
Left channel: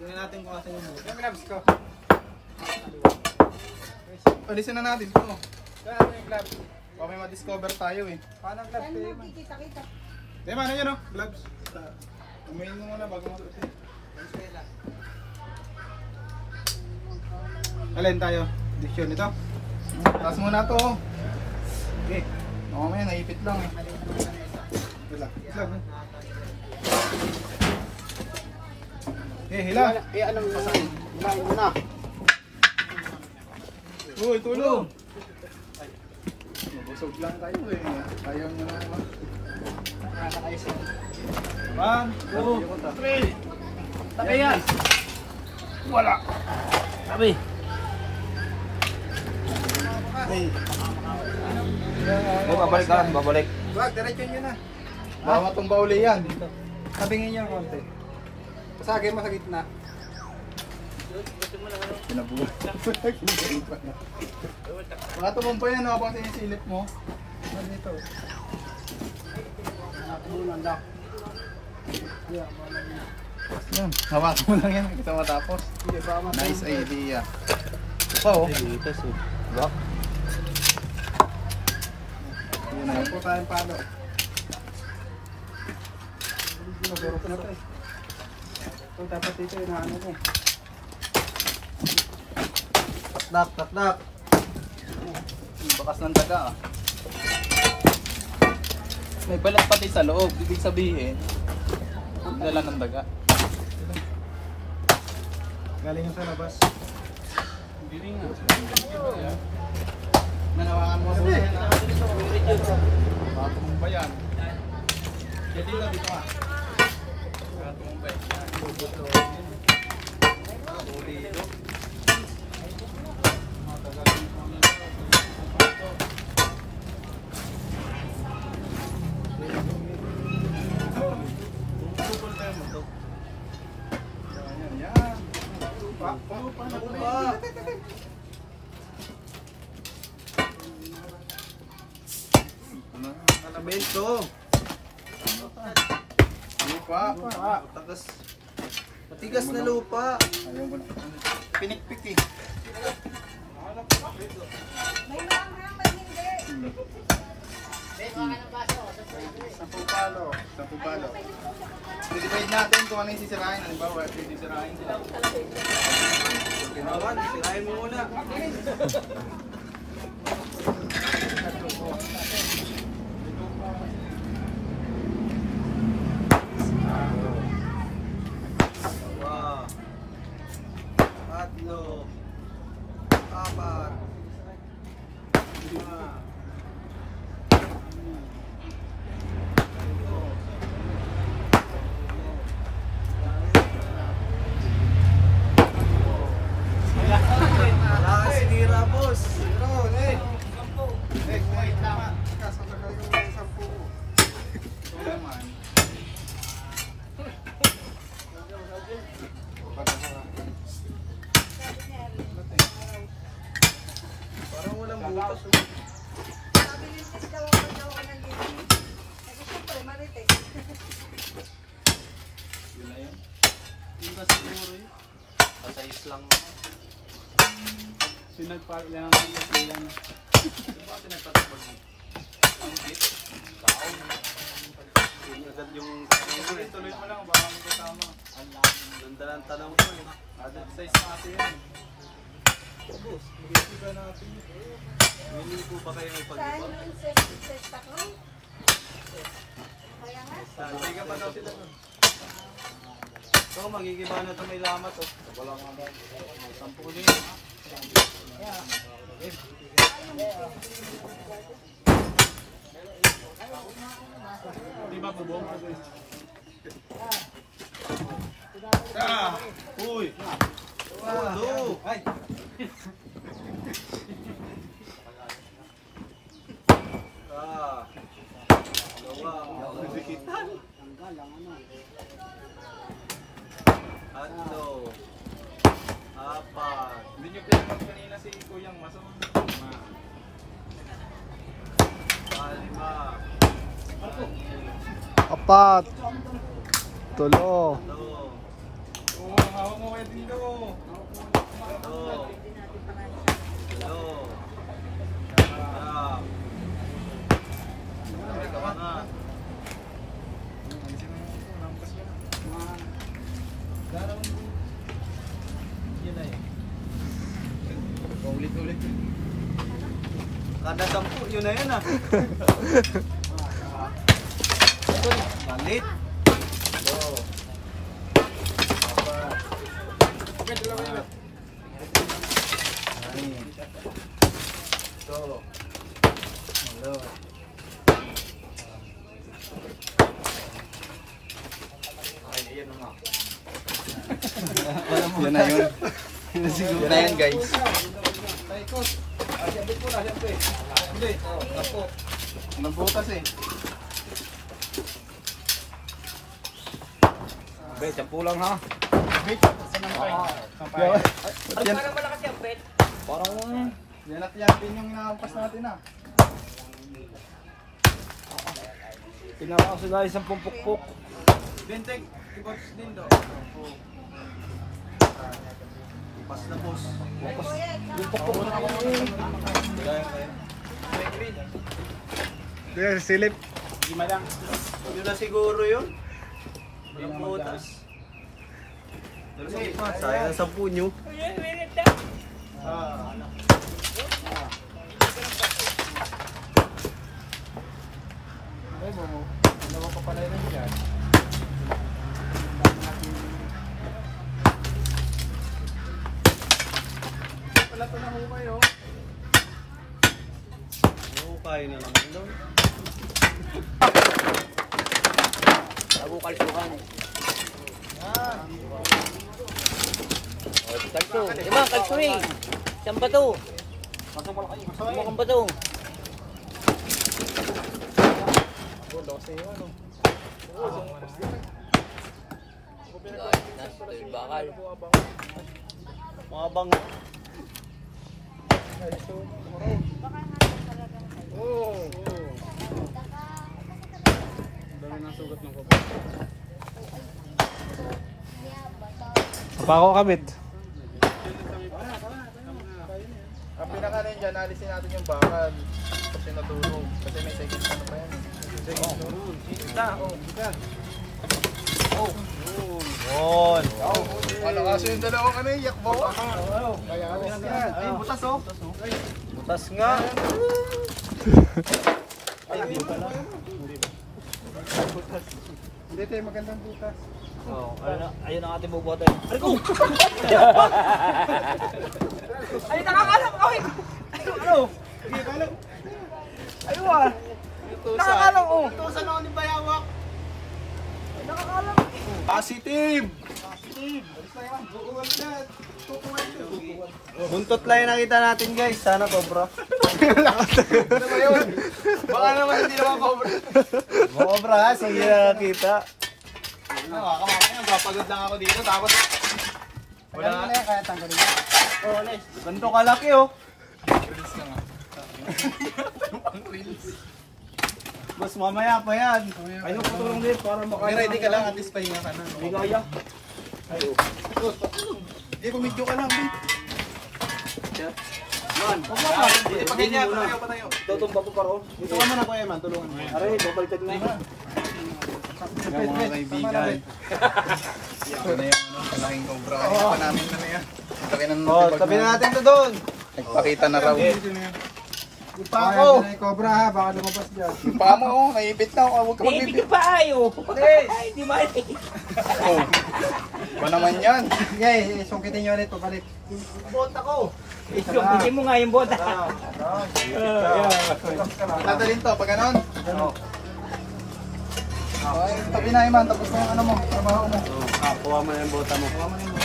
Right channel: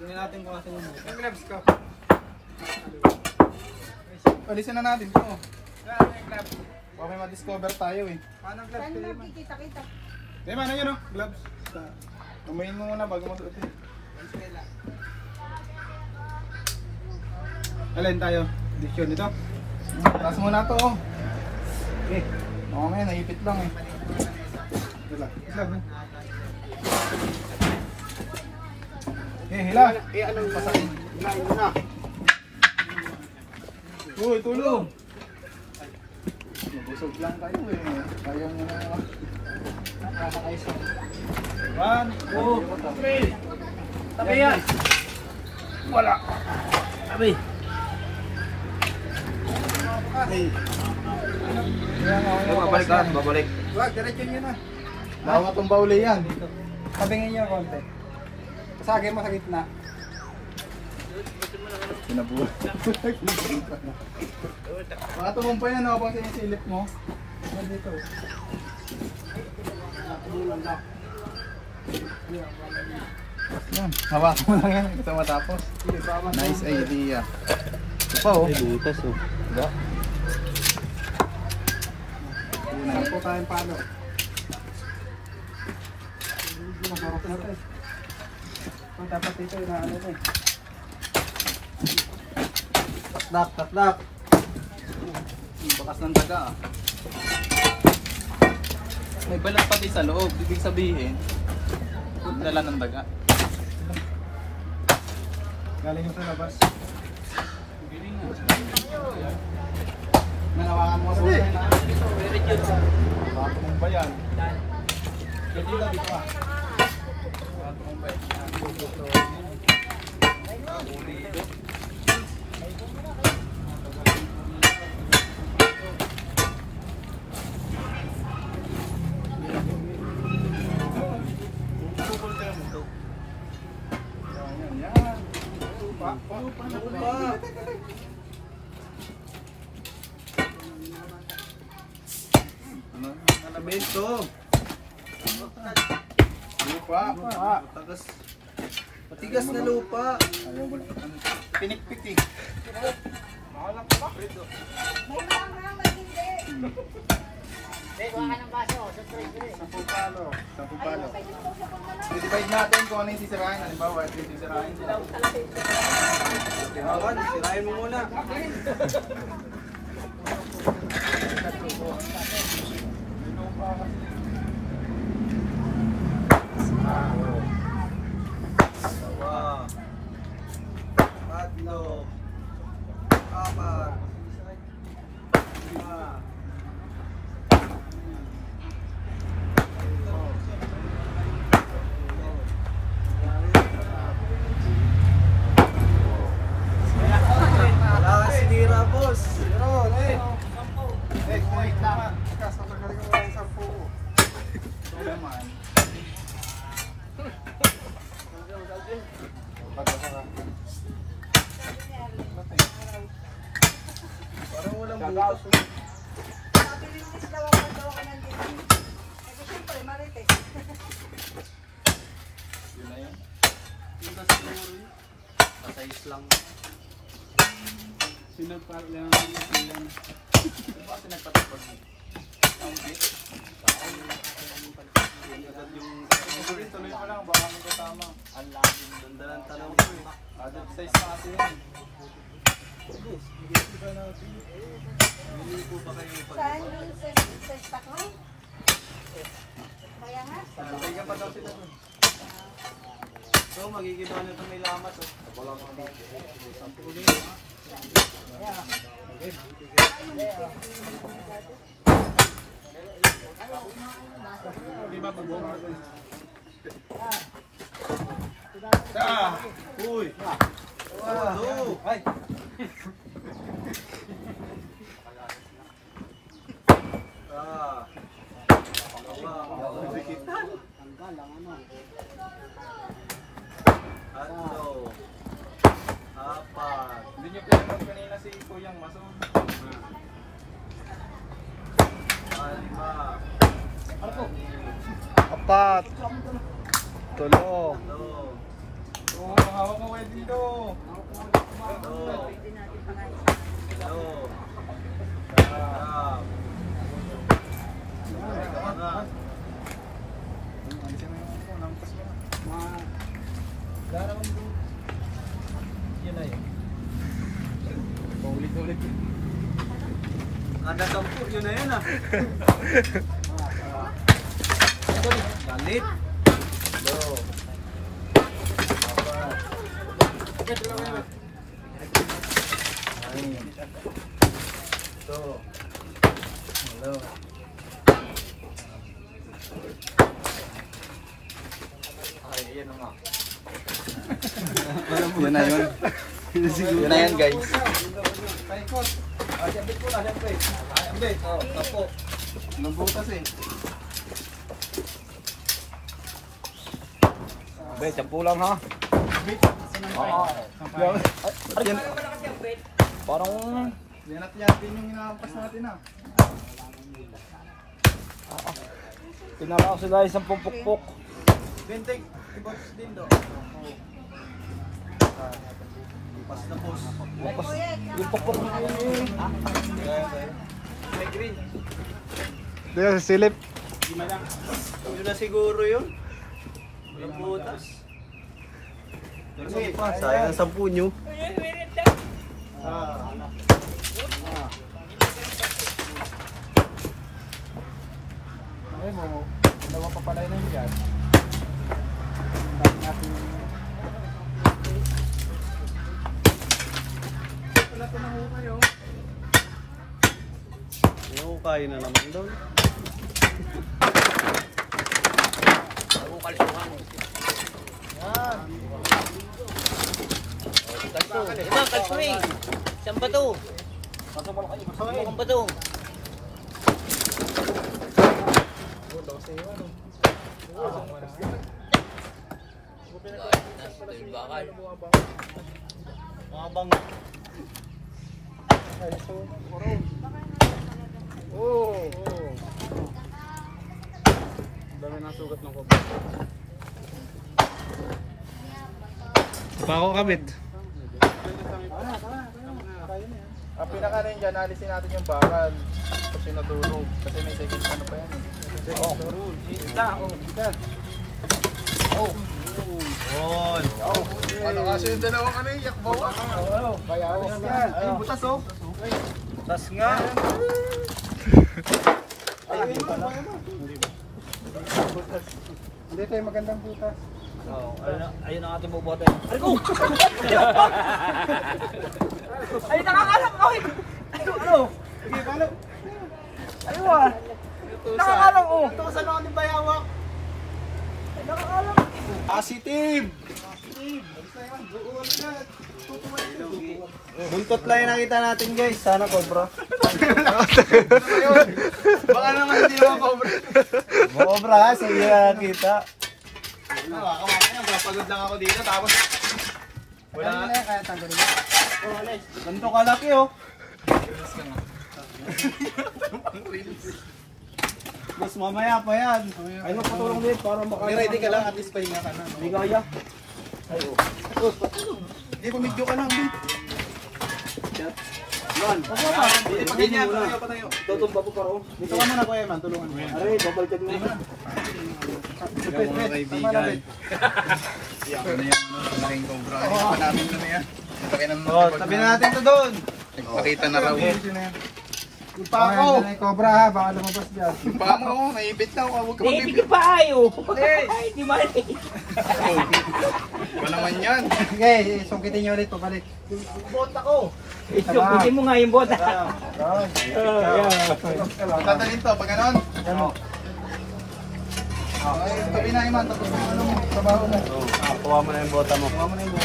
Tingnan natin kung asan yung Yung gloves ko. Alisin na natin to. Yan, yung gloves. Baka may ma-discover tayo eh. Paano gloves Yan kayo? lang, kikita-kita. Eh, mana yun oh, gloves. Tumayin mo muna bago masuot eh. Alin tayo? Edition ito? Taas muna to. Okay. Oo, may naipit lang eh. Dala. Islag eh. Eh, hila. Anong pasakin? Hilahin mo na. Uy, tulong. Nabusog lang kayo eh. Ayaw nyo na. Nakakaisa. 1, 2, 3. Tabi yan. Wala. Sabi. Babalik. Wag, diretso nyo na. Bawat tong bauli yan. Tabingin nyo konti. Pasagay mo sa gitna. Pinabuhat. Baka tumumpoy na nakapang sa silip mo. Dito. Nakatulong lang. Yan, hawak mo lang yan. Kita matapos. Nice idea. Ito pa oh. Dito so. Yun na. Po tayong palo. Magurok na ito eh. Ito dapat dito yung ano ito eh. Takdak. Bakas ng daga ah. May balat pati sa loob. Ibig sabihin, dala ng daga. Galing yung sa labas. Galing nga. Nanawakan mo sa yan ah. Makatumong ba yan? Dito lang dito ah. Makatumong ba yan? Dito. Kanabento. Lupa. Tagas. Matigas na lupa. Ayaw mo na. Pinikpik eh. May naman, may hindi. 10 palo. 10 palo. I-divide natin kung ano yung sisirain. Halimbawa, ito yung sisirain ko. Naman, sirain mo muna. Dalawa. Tatlo. Apat. 5. Wala ka sinira, boss. Tama. Kasasakali ko mga 10. Ito naman. Pagkakaka. Parang walang butas. Butas siguro yun. Pasayos lang. Sinagpailan ang ilan. Diba pinagpatapos mo? Agad yung Tuloy mo lang, baka mo kasama. ganda ng tanong mo eh. Added size natin yun. Boss, mag-isiba natin. Hindi po ba kayo may Saan pag-iba? yung sa taklo? Kaya nga. Santay ka pa daw sila doon. So, magigiba na ito may lamat oh. Wala mga ba? May 10 ko din. Okay. Di ba pag-buong? Ah! Uy! Wow! Ay! Ah! Dalawa. Tatlo. Apat. Hindi niyo pinapag kanina si Kuyang Maso. 5. Apat. Tulo. 3. Oo, hawak mo kayo dito. 4. Yun na yun. Ulit-ulit. Kada 10, yun na yun ah. Balit. 2. Yan na yun. Yun na yan guys. Nabutas eh. Okay, 10 lang ha. Parang yan at yapin yung inaampas natin ah. Tinama ko sila isang pumpukpok. Benteng, tibots din do. Pas na boss. Yung pukpok na yun eh. Dito, silip. Yun na siguro yun. Walang butas. Sayang sa punyo. Oo, kaya na naman daw. Saan ba to? Saan ba to? Mabang. Dami ng sugat ng kobo. Pa ako kabit. Ang pinaka rin dyan, alisin natin yung bakal. Kasi natulog. Kasi may second ano pa yan eh. Ano kasi yung dalawang ano yung yakbawa? Kaya alis yan. Ay, butas oh. Tas nga. Hindi tayo magandang butas. Oh, ayun ang ating bubuhat eh. Ay, nakakalam ko! Ano? Sige, palo. Ayun ah! Nakakalam ko! Tusan ako ni Bayawak. Ay, nakakalam! Positive! Alis na yan. Buuwal ka. Tutuwal ka. Buntot lang yung nakita natin guys. Sana to bro. Baka naman hindi naman pa bro. Bobra ha, sa hindi na nakita. Kamakayan, papagod lang ako dito. Tapos wala na yan, kaya tanggalin mo. Ganito kalaki oh. Mas mamaya pa yan. Ayun ko tulong din para makaya. Ready ka lang, at least pahinga ka na. Hindi kaya. Ayo. Hindi, pumidyo ka lang. Man. Pagkanya, patayo. Tutumba ko paro. Dito ka muna Kuya Man, tulungan mo yan. Aray, babaliktad na yun. Yung mga kaibigan. Ako na yung laking cobra. Ano pa namin mo yan. Oh, tabi natin to doon. Nagpakita na raw. Yung pa ako. Cobra ha, baka lumabas dyan. Yung pa mo, naibit na ako. Huwag ka mag-ibit. pa ayo! Hindi mali! Ba naman yan? Sige, sukitin nyo rito, balik. Bota ko. Hindi mo nga yung bota. Dadalhin to, pag ganon. Okay, tabi na Iman, tapos na yung ano mo, trabaho mo. Kuha mo na yung bota mo. Kuha mo na yung mo.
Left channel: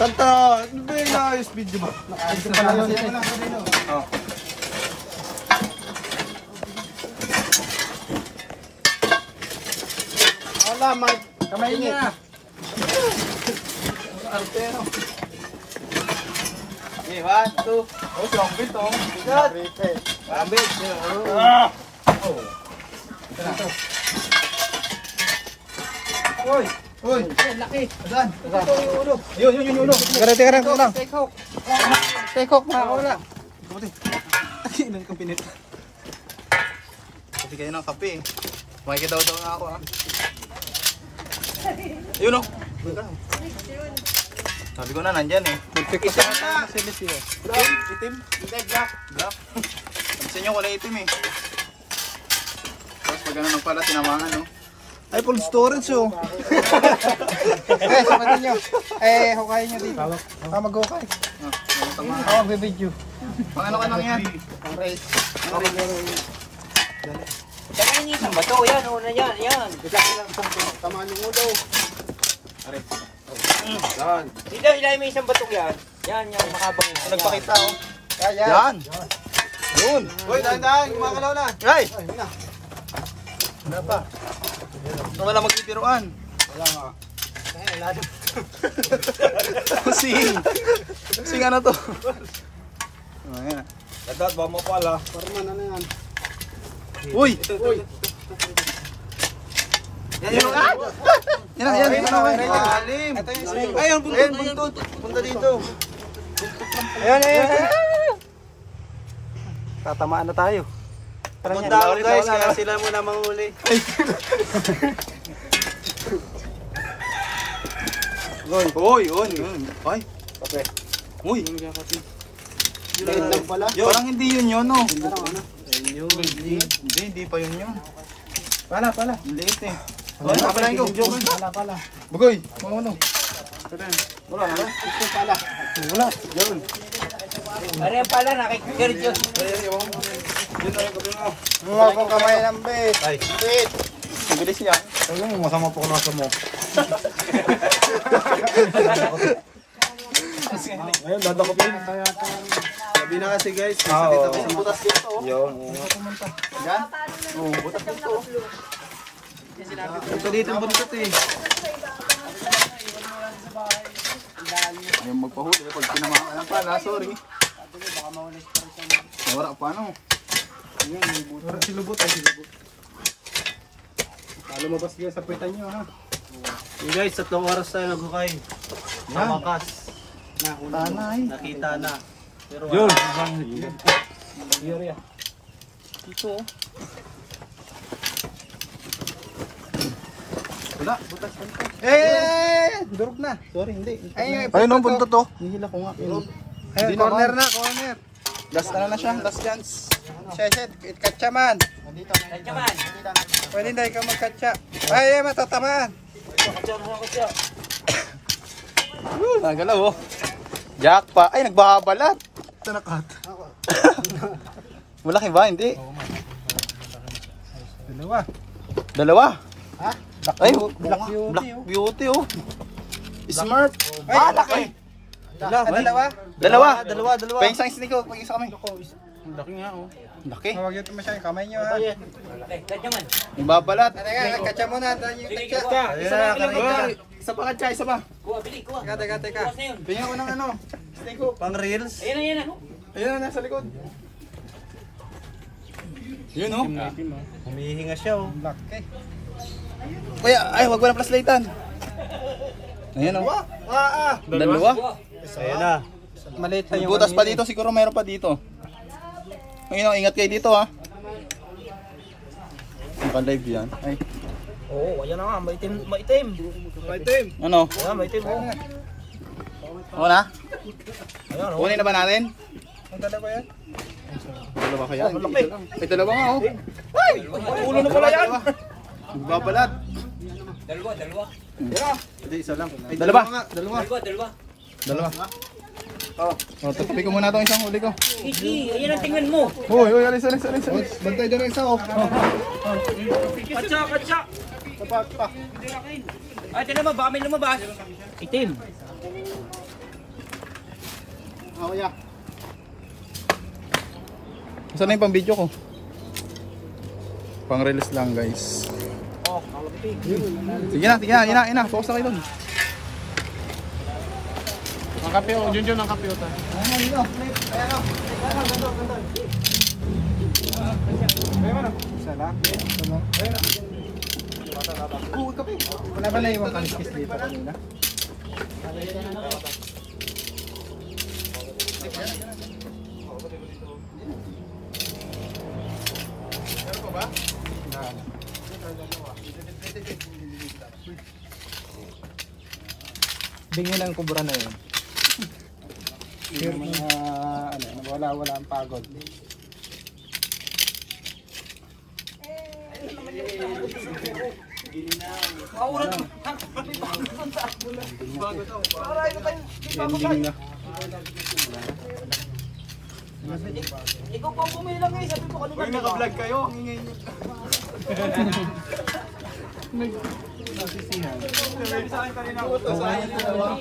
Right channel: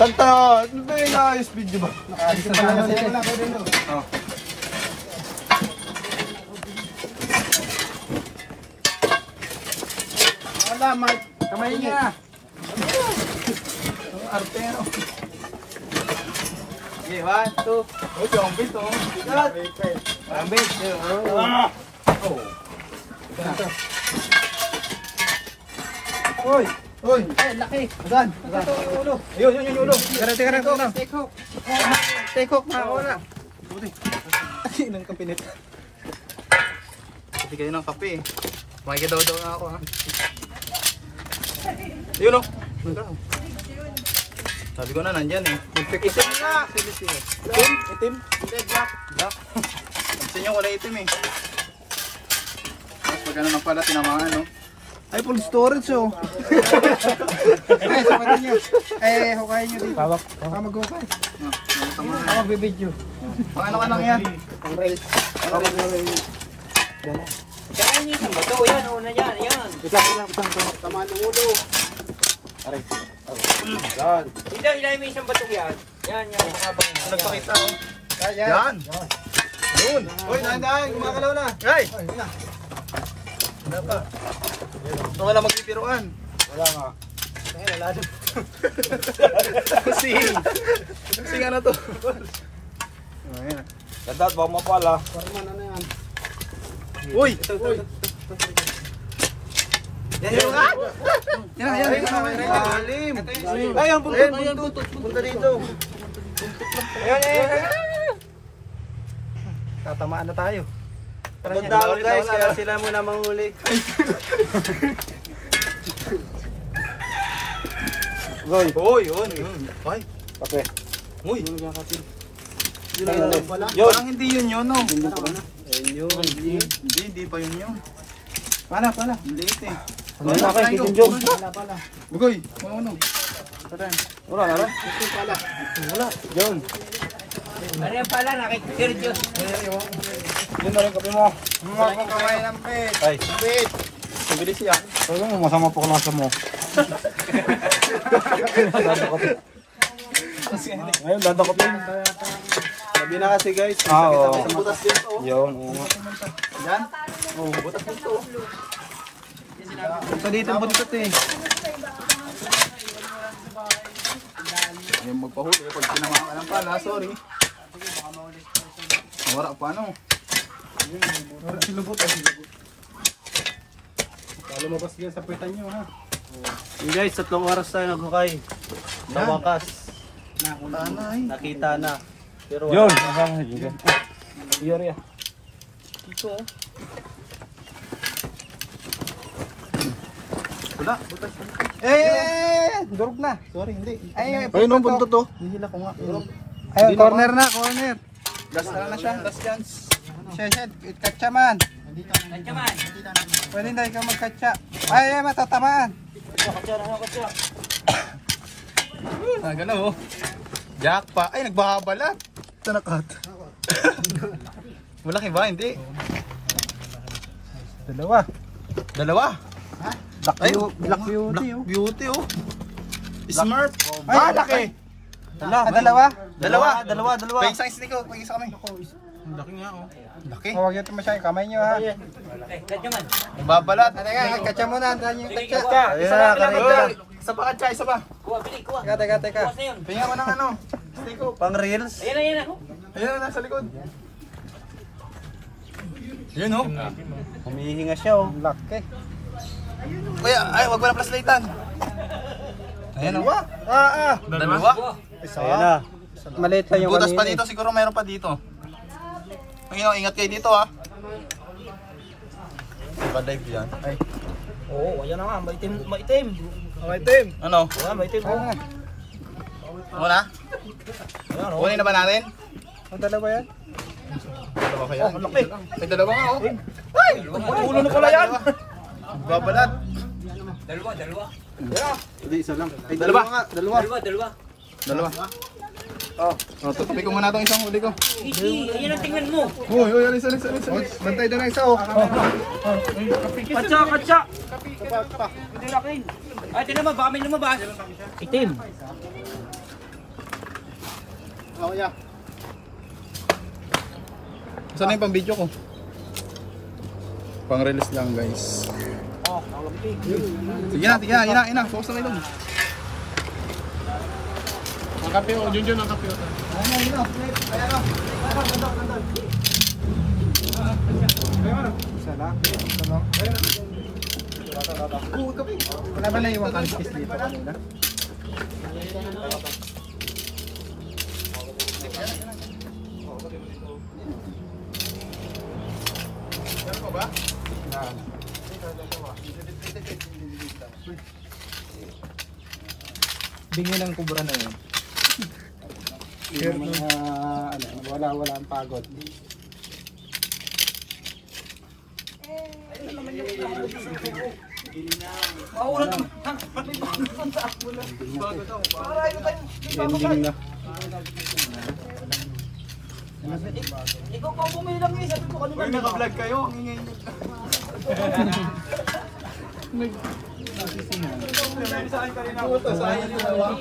Santa, ano ba yung naayos video ba? Nakaayos pa lang sila. Oh. Salamat. Kamay niya. Arte ano? Okay, 1, 2. Oh, si Ambit oh. Bigat. Ambit. Oh. Hoy. Hoy. Laki. Saan? Ayun, yun yung ulo. Garete ka lang. Take hook. Take hook, makakawala. Kamuti. Ay, nang kapinit. Kasi kayo ng kape eh. Makikita daw nga ako ha. Ayun oh. Sabi ko na nandyan eh. Magpikita na. Itim? Black. Sabi nyo wala itim eh. Tapos pag ano na pala tinamaan no. Ay, full storage oh. Okay, sukitin nyo. Eh, hukayin nyo dito. Mag-hukay. Tamahan. Ako, bibidyo. Pang ano ka lang yan? Ang rails. Saan yung isang bato? Yan, o, yan, yan. Tamaan ng ulo. Dito, ilalim mo isang bato yan. Yan, makapang. Nagpakita oh. Yan. Yun. Uy, dahan-dahan, kumakalaw na. Ay! Wala pa. Ito wala magpipiruan. Wala nga. Ay, wala na. Sing ano to? Ayan. Dadat, baka mapala. Parman na yan. Uy! Yan yung Yan. Alim. Ay, ang buntot. Punta dito. Ayan. Tatamaan na tayo. Punta guys, kaya sila muna manghuli. Uy, yun. Ay. Kape. Uy. Yun. Parang hindi yun, no? Ayun yun. Hindi pa yun. Pala. Liit eh. Wala pala. Bugoy, ano? Wala. Wala. Yun. Ano yan pala, nakikirjos. Yun ang kape mo. Mga kang kamay ng bit. Ay. Bit. Bilis siya. Ayun, masama po klasa mo. Ayun, landa ko pin. Sabi na kasi guys, nakita ko sa butas dito. Yun. Yan? Oo, butas dito. Ito dito ang butas eh. Yung magpahuli, pag pinamahan ka ng pala, sorry. Wala pa, no? Silubot. Lumabas kayo sa pitan nyo, ha? Yung guys, 3 oras tayo naghukay. Sa wakas. Nakita na. Pero yun! Yun. Dito, oh. Wala, butas dito. Durog na. Sorry, hindi. Ayun ang buntot to. Hihila ko nga. Ayun, corner na, corner. Last na siya. Last chance. Session, katsa man. Pwede na ikaw magkatsa. Ay, matatamaan. Katsa. Nagalaw, oh. Jack pa. Ay, nagbabalat. Tanakat. Malaki ba? Hindi. Dalawa. Ha? Black beauty, oh. Smart. Ay, laki. Dalawa. Dalawa. Pahing sa isli ko. Pahing sa kamay. Laki nga, oh. Laki. Huwag yung masyadong kamay nyo, ha? Katsa man. Ibabalat. Teka, katsa muna. Dahil yung katsa. Isa lang katsa. Isa pa katsa, isa pa. Kuha, bili, kuha. Teka. Kuha na yun. Pahing ako ng ano. Isli ko. Pang reels. Ayan. Ayun na, nasa likod. Yun, oh. Humihinga siya, oh. Laki. Kuya, ay, wag mo ng flashlightan. Ayan, oh. Dalawa. Ayan na. Maliit pa yung Butas pa kanina. dito, siguro meron pa dito. Ngayon, ingat kayo dito, ha. Ibang live yan. Ay. Oo, ayan na nga, maitim. Ano? Ayan, maitim. Muna? Ayan, Kunin na ba natin? Ang dalawa yan? Dalawa kaya? Oh, laki. May dalawa nga, oh. Ay! Ulo na pala yan. Babalat. Dalawa. Hindi, isa lang. Ay, dalawa nga. Dalawa. Oh. Tutupi ko muna itong isang huli ko. Iki, ayan ang tingnan mo. Uy, alis. Bantay doon ang isa, oh. Katsa. Pa. Ay, tinan mo, baka may lumabas. Itim. Oh, yeah. Saan na yung pang video ko? Pang release lang, guys. Sige na. Focus na kayo doon. Ang kape, oh. Junjun ang kape, oh. Isa lang. Wala ba na iwang kaliskis dito kanina? Meron ko ba? Bingi ng kubra na yun. Yung mga, wala ang pagod. Ending na. Ikaw pa bumilang eh, sabi ko kanina. Uy, naka-vlog kayo. Ang ingay nyo. Sa akin kanina. Sa akin dalawa.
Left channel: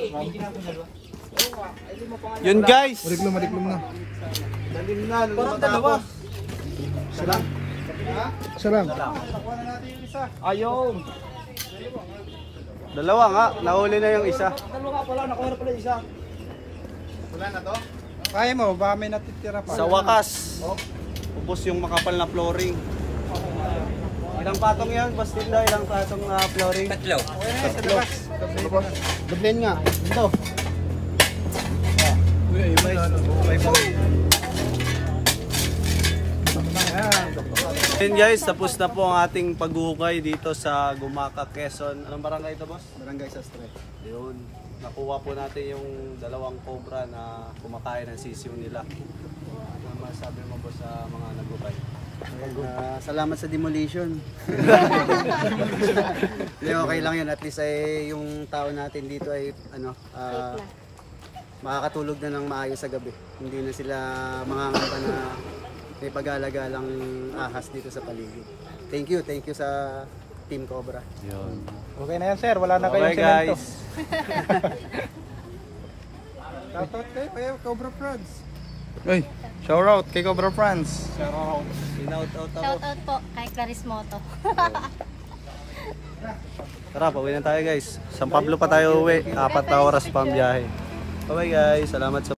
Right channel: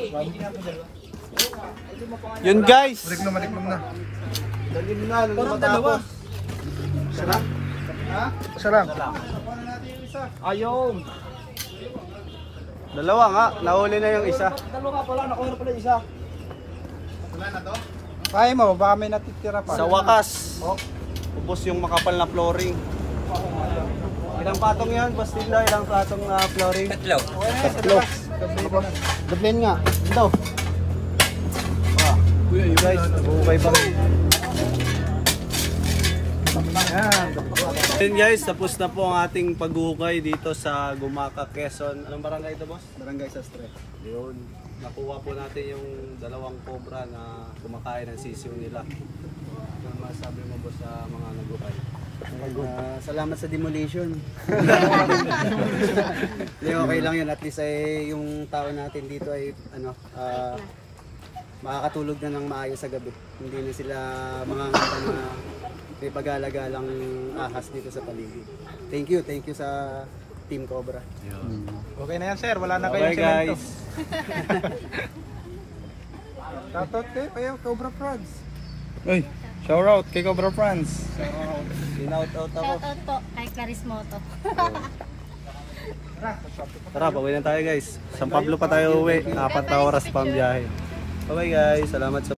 Yun guys. Mariklom na. Dalim na, matapos. Isa lang. Ayun. Dalawa nga, nahuli na yung isa. Wala na to? Kaya mo, baka may natitira pa. Sa wakas, ubos yung makapal na flooring. Ilang patong yan, Boss Tinda? Ilang patong na flooring? Tatlo. Okay na yan, sa labas. Dublin nga. Ito. Kuya, iba. Then guys, tapos na po ang ating paghuhukay dito sa Gumaca, Quezon. Anong barangay ito, boss? Barangay Sastre. Yun. Nakuha po natin yung dalawang cobra na kumakain ng sisiw nila. Ano masabi mo, boss, sa mga naghukay? Salamat sa demolition. Hindi, okay lang yun. At least ay yung tao natin dito ay makakatulog na ng maayos sa gabi. Hindi na sila mangangamba na may pag-alagalang ahas dito sa paligid. Thank you sa Team Cobra. Okay na yan, sir. Wala na kayong Okay guys. Shoutout kayo, Cobra Friends. Uy, shout out kay Cobra Friends. Sinout out ako. Shoutout po kay Clarice Moto. Tara, pauwi na tayo guys. San Pablo pa tayo uwi. 4 na oras pa ang biyahe. Bye guys. Salamat sa